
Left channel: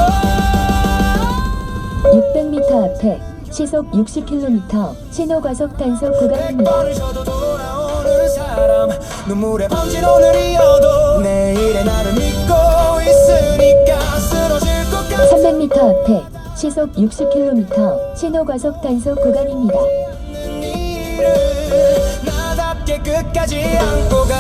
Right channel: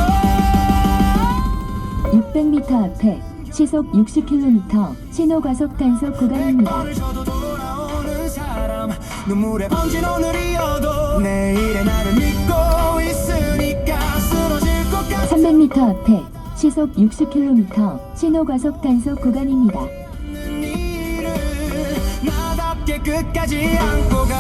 600m 앞에 시속 60km 신호과속 단속 구간입니다. 오늘 저도 돌아오는 사람, 눈물에 번진 오늘이어도 내일의 나를 믿고 있으니까 쓰러질 것 같은 300m 앞에 시속 60km 신호과속 단속 구간입니다. 일을 나답게 끝까지 안고 가.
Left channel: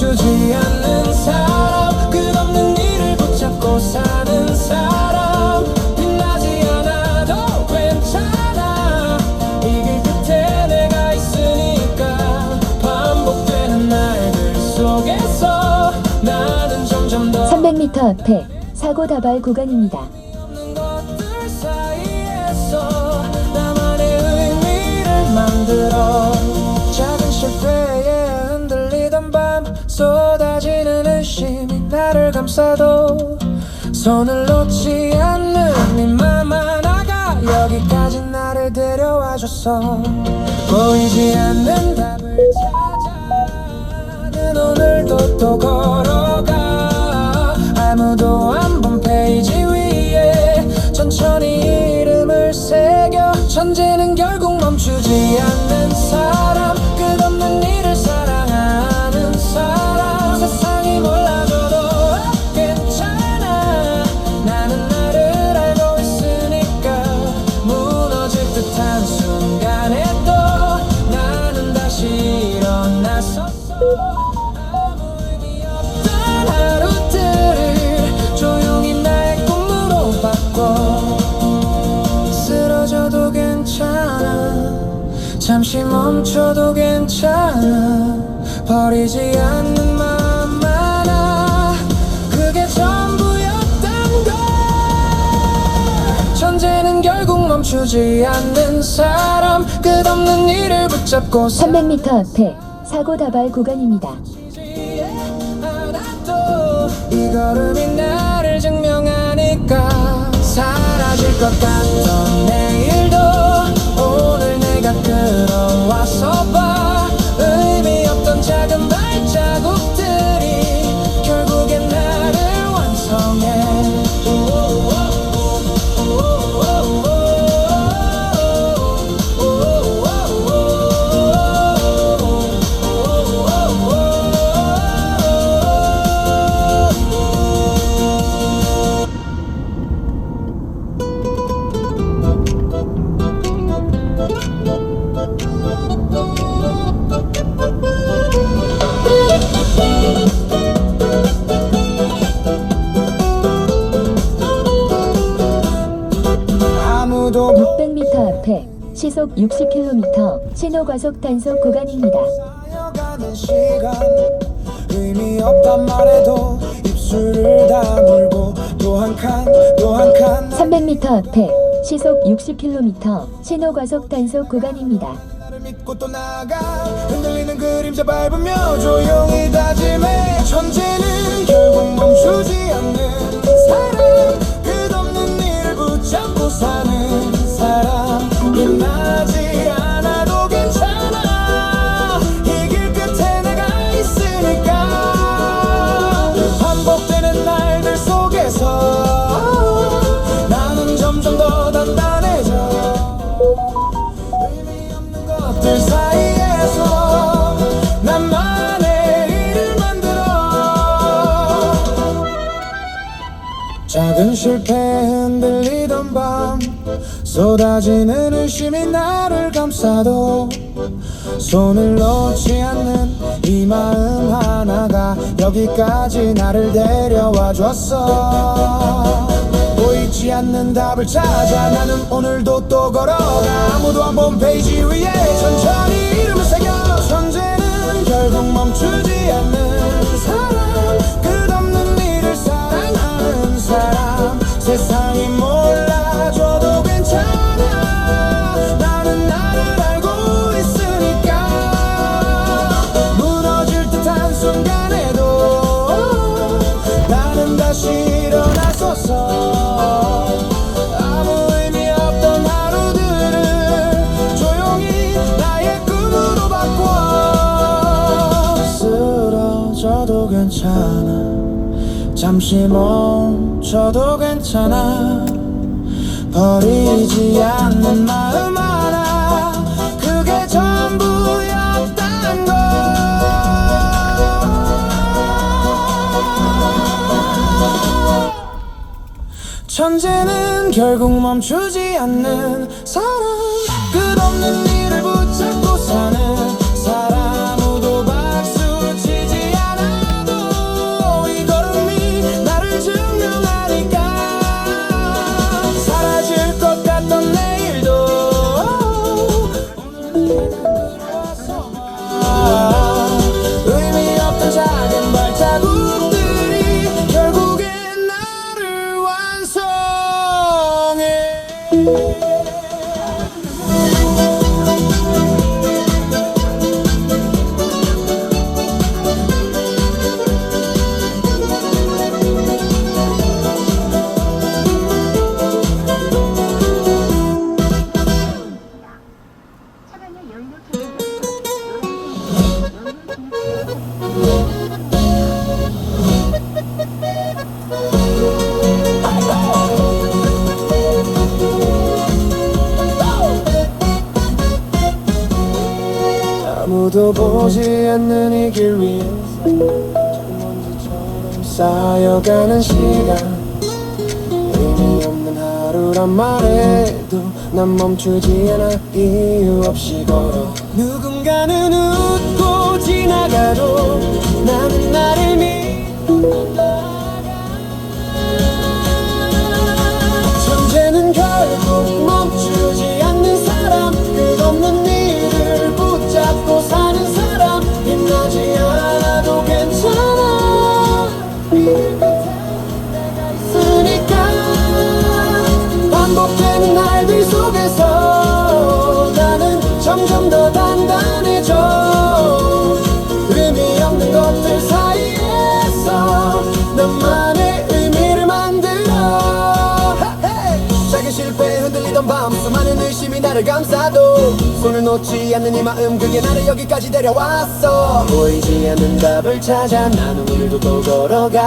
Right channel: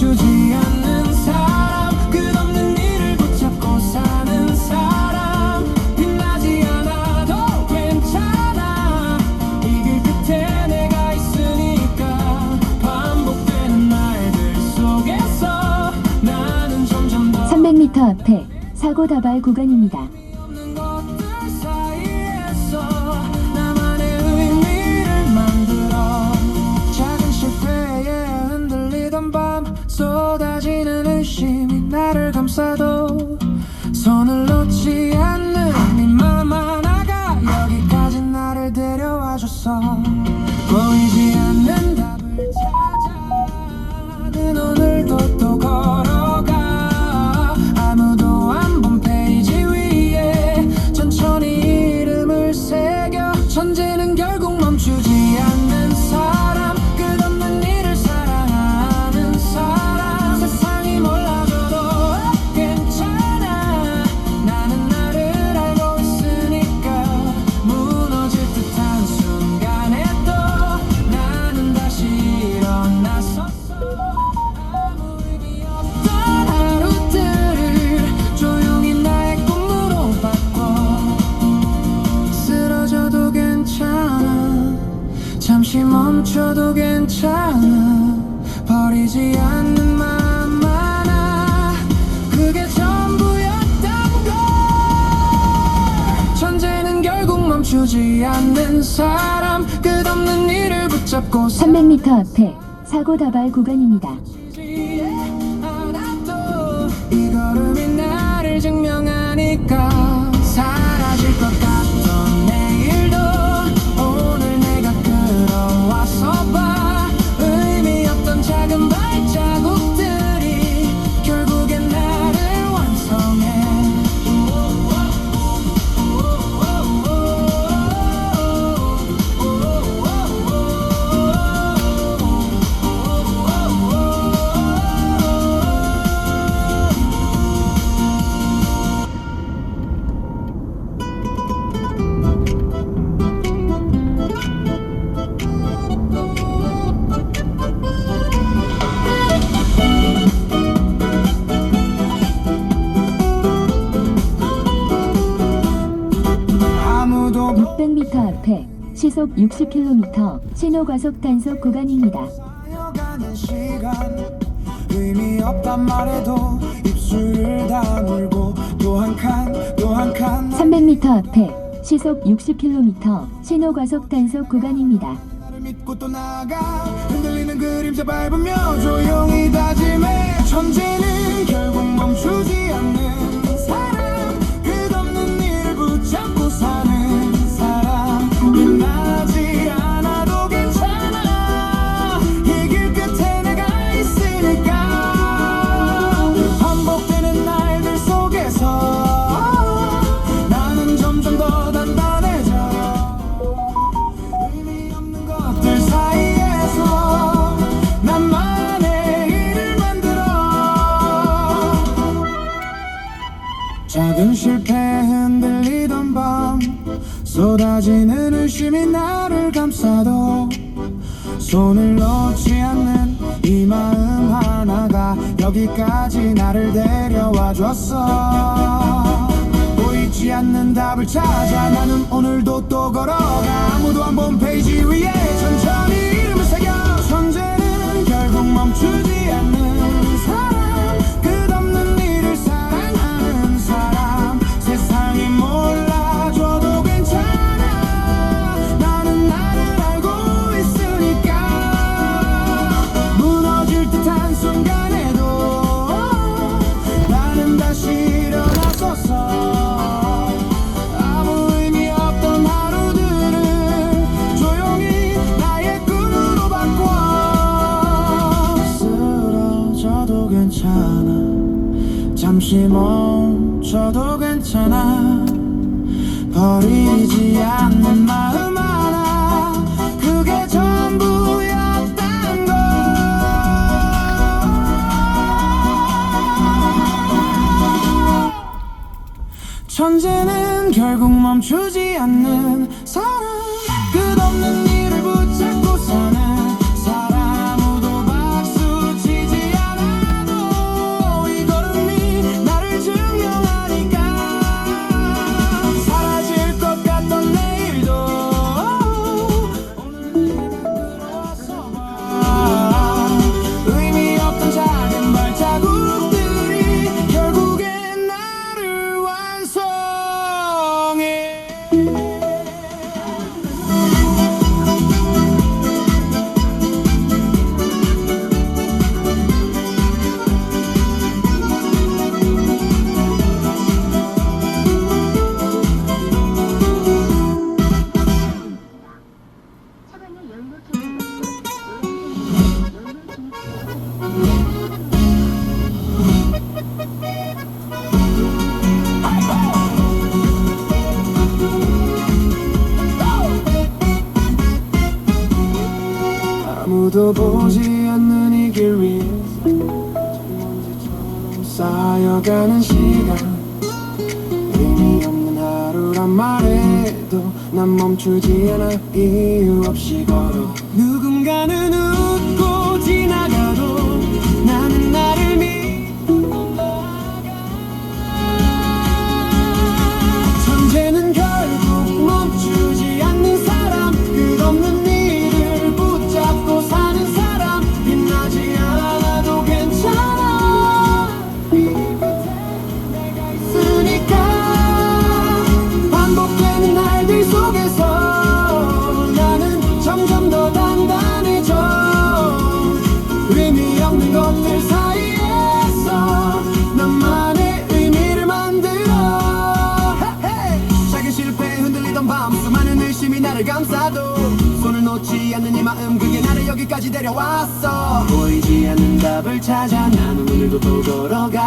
멈추지 않는 사람 끝없는 일을 붙잡고 사는 사람 빛나지 않아도 괜찮아 이 길 끝에 내가 있으니까 반복되는 날들 속에서 나는 점점 더 300m 앞에 사고 다발 구간입니다. 없는 것들 사이에서 나만의 의미를 만들어 작은 실패에 흔들리던 밤 쏟아지는 의심이 나를 감싸도 손을 놓지 않는 네 맘 하나가 여기까지 나를 데려와줬어 보이지 않는 답을 찾아 는 오늘도 또 걸어가 아무도 안 본 페이지 위에 천천히 이름을 새겨 천재는 결국 멈추지 않는 사람 끝없는 일을 사랑하는 사람 세상이 몰라줘도 괜찮아 나는 나를 알고 있으니까 무너질 듯한 순간에도 나는 다시 일어났었어 아무 의미 없던 하루들을 조용히 나의 꿈으로 바꿔 쓰러져도 괜찮아 잠시 멈춰도 괜찮아 버리지 않는 마음 하나 그게 전부였던 걸 천재는 결국 멈추지 않는 사람 끝없는 일을 붙잡고 300m 앞에 사고 다발 구간입니다. 이 걸음이 나를 증명하니까 사라질 것 같던 내일도 오늘 내가 끌어와서 봐 의미 없던 작은 발자국들이 결국엔 나를 완성해 아무도 600m 앞에 시속 60km 신호 과속 단속 구간입니다. 쌓여가는 시간 의미 없단 말에도 입술을 다물고 또 한 칸 또 한 칸 300m 앞에 시속 60km 신호 과속 단속 구간입니다. 나를 믿고 또 나가 흔들리는 그림자 밟으며 조용히 다짐해 천재는 결국 멈추지 않는 사람 끝없는 일을 붙잡고 사는 사람 빛나지 않아도 괜찮아 이 길 끝에 내가 있으니까 반복되는 날들 속에서 나는 점점 더 단단해져 의미 없는 것들 사이에서 나만의 일을 만들어 작은 실패에 흔들리던 밤 쏟아지는 의심이 나를 감싸도 손을 놓지 않는 이 마음 하나가 여기까지 나를 데려와 줬어 보이지 않는 답을 찾아 나는 오늘도 또 걸어가 아무도 안 본 페이지 위에 천천히 이름을 새겨 천재는 결국 멈추지 않는 사람 끝없는 일을 사랑하는 사람 세상이 몰라줘도 괜찮아 나는 나를 알고 있으니까 무너질 듯한 순간에도 나는 다시 일어나서서 아무 의미 없던 하루들을 조용히 나의 꿈으로 바꿔 쓰러져도 괜찮아 잠시 멈춰도 괜찮아 버리지 않는 마음 하나 그게 전부였단 걸 천재는 결국 멈추지 않는 사람 끝없는 일을 붙잡고 사는 사람 아무도 박수 치지 않아 아무도 보지 않는 이 길 위에서 먼지처럼 쌓여가는 시간, 의미 없는 하루란 말해도 난 멈추지 않아. 이유 없이 걸어. 누군가는 웃고 지나가도 나는 나를 믿고 나아가. 천재는 결국 멈추지 않는 사람, 끝없는 일을 붙잡고 사는 사람. 빛나지 않아도 괜찮아. 이 끝에 내가 있으니까. 반복되는 날들 속에서 나는 점점 더 단단해져. 의미 없는 것들 사이에서 나만의 의미를 만들어. 작은 실패에 흔들리던 밤, 수많은 의심이 나를 감싸도 손을 놓지 않는 이 마음, 그게 나를 여기까지 데려왔어. 보이지 않는 답을 찾아 나는 오늘도 또 걸어가.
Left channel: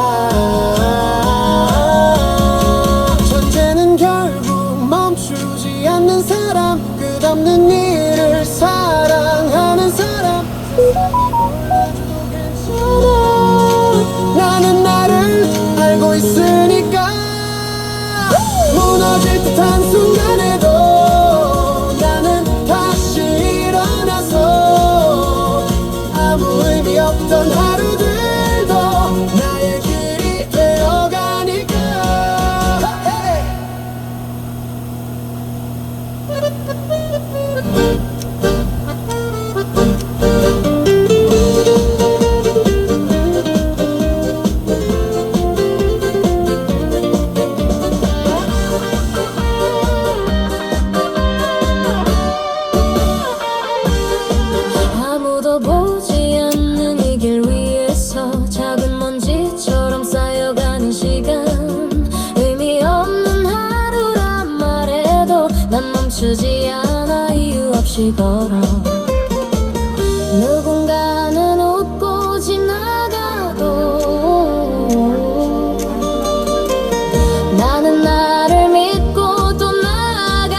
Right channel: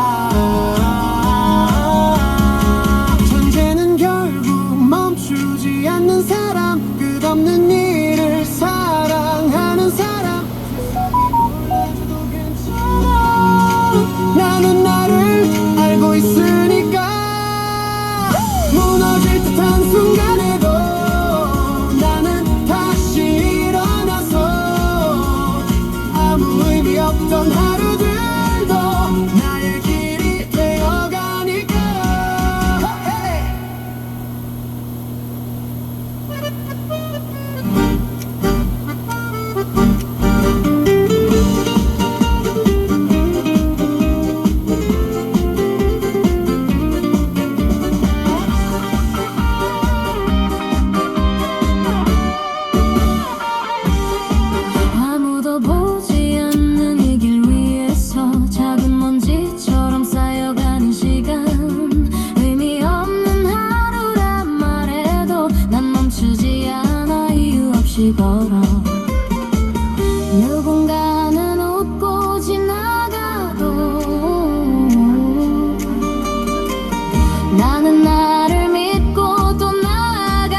천재는 결국 멈추지 않는 사람, 끝없는 일을 사랑하는 사람. 세상이 몰라줘도 괜찮아. 나는 나를 알고 있으니까. 무너질 듯한 순간에도 나는 다시 일어나서 아무 의미 없던 하루들도 나의 길이 되어가니까. 아무도 보지 않는 이 길 위에서 작은 먼지처럼 쌓여가는 시간, 의미 없는 하루란 말해도 난 멈추지 않아. 이유 없이 걸어. 누군가는 웃고 지나가도 나는 나를 믿고 또 나아가.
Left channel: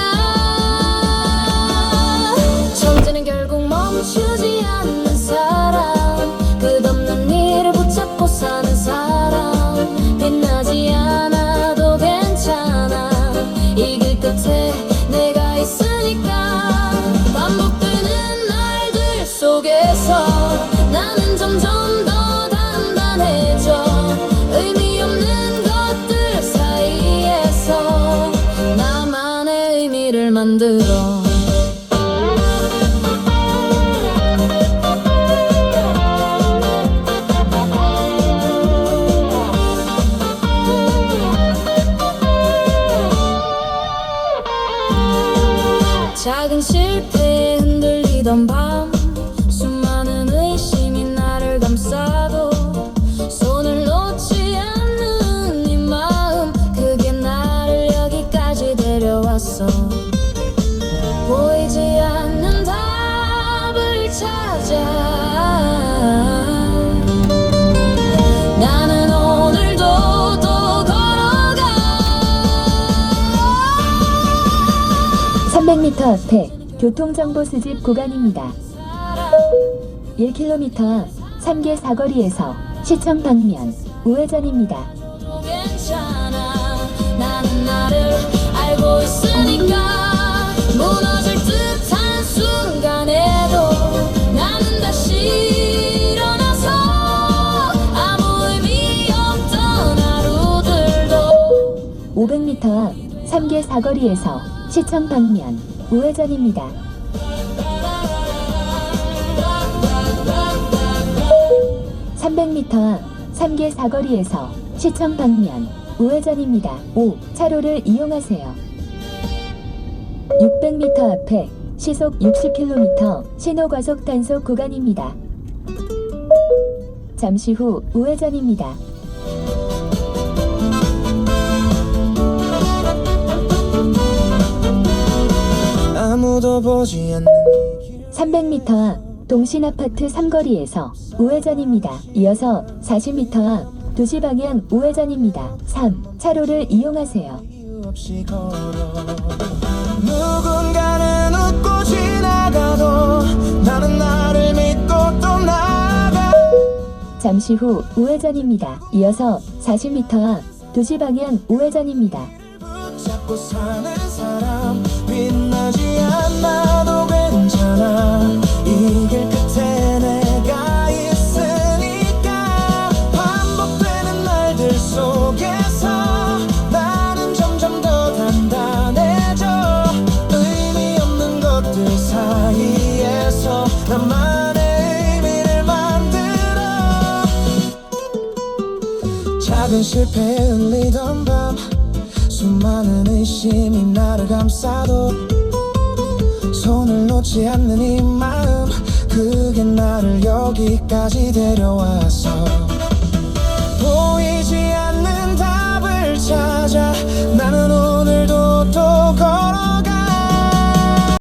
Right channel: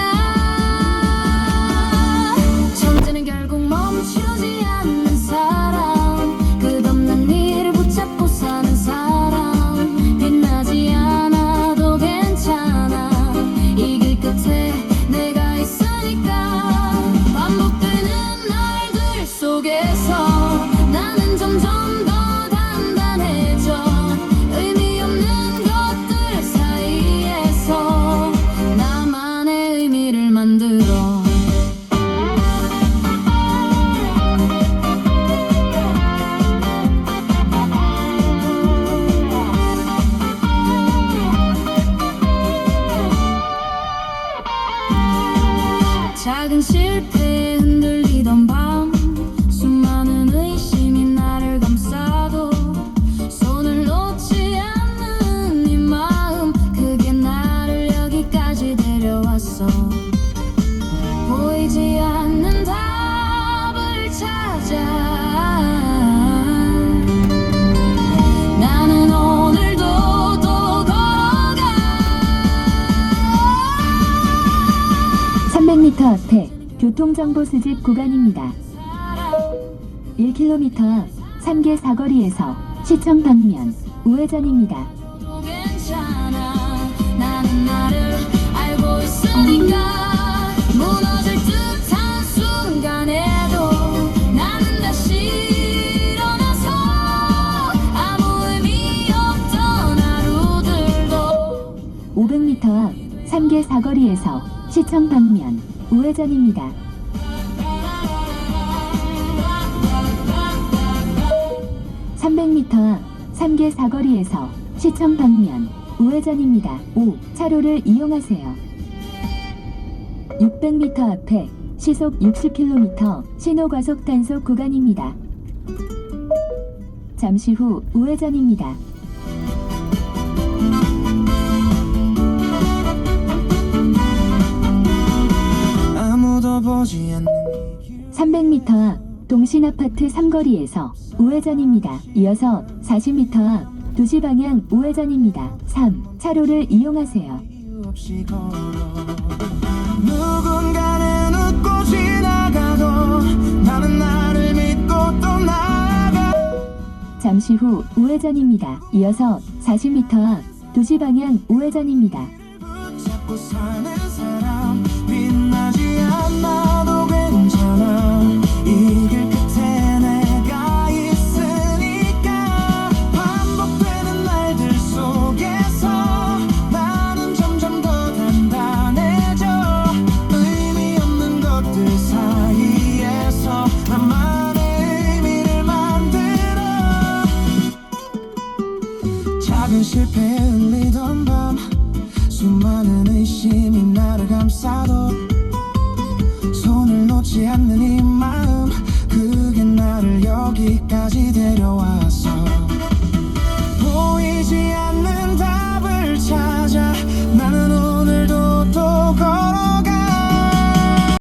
천재는 결국 멈추지 않는 사람, 끝없는 일을 붙잡고 사는 사람. 빛나지 않아도 괜찮아. 이 길 끝에 내가 있으니까. 반복되는 날들 속에서 나는 점점 더 단단해져. 의미 없는 것들 사이에서 나만의 의미를 만들어. 작은 실패에 흔들리던 밤, 수많은 의심이 나를 감싸도 손을 놓지 않는 이 마음, 그게 나를 여기까지 데려왔어. 보이지 않는 답을 찾아 나는 오늘도 또 걸어가. 300m 앞에 교통정보 수집 구간입니다. 1km 앞 3개 사거리에서 시청 방면 우회전입니다. 괜찮아. 나는 나를 알고 있으니까. 무너질 듯한 순간에도 나는 다시 일어나서 아무 의미 없던 하루들도. 500m 앞 3개 사거리에서 시청 방면 우회전입니다. 300m 앞 3개 사거리에서 시청 방면 우회전입니다. 5. 차로를 이용하세요. 600m 앞에 시속 60km 신호과속 단속 구간입니다. 잠시 후 우회전입니다. 아무도 보지 않는 300m 앞 동신 아파트 삼거리에서 우회전입니다. 이어서 40m 앞 도시 방향 우회전입니다. 3. 차로를 이용하세요. 이유 없이 걸어 누군가는 웃고 지나가도 나는 나를 믿고 또 나가 잠시 후 우회전입니다. 이어서 40m 앞 도시 방향 우회전입니다. 붙잡고 사는 사람 빛나지 않아도 괜찮아 이 길 끝에 내가 있으니까 반복되는 말들 속에서 나는 점점 더 단단해져 의미 없는 것들 사이에서 나만의 의미를 만들어 작은 실패에 흘리던 밤 수많은 의심이 나를 감싸도 손을 놓지 않는 이 마음 그게 나를 여기까지 데려왔어 보이지 않는 답을 찾아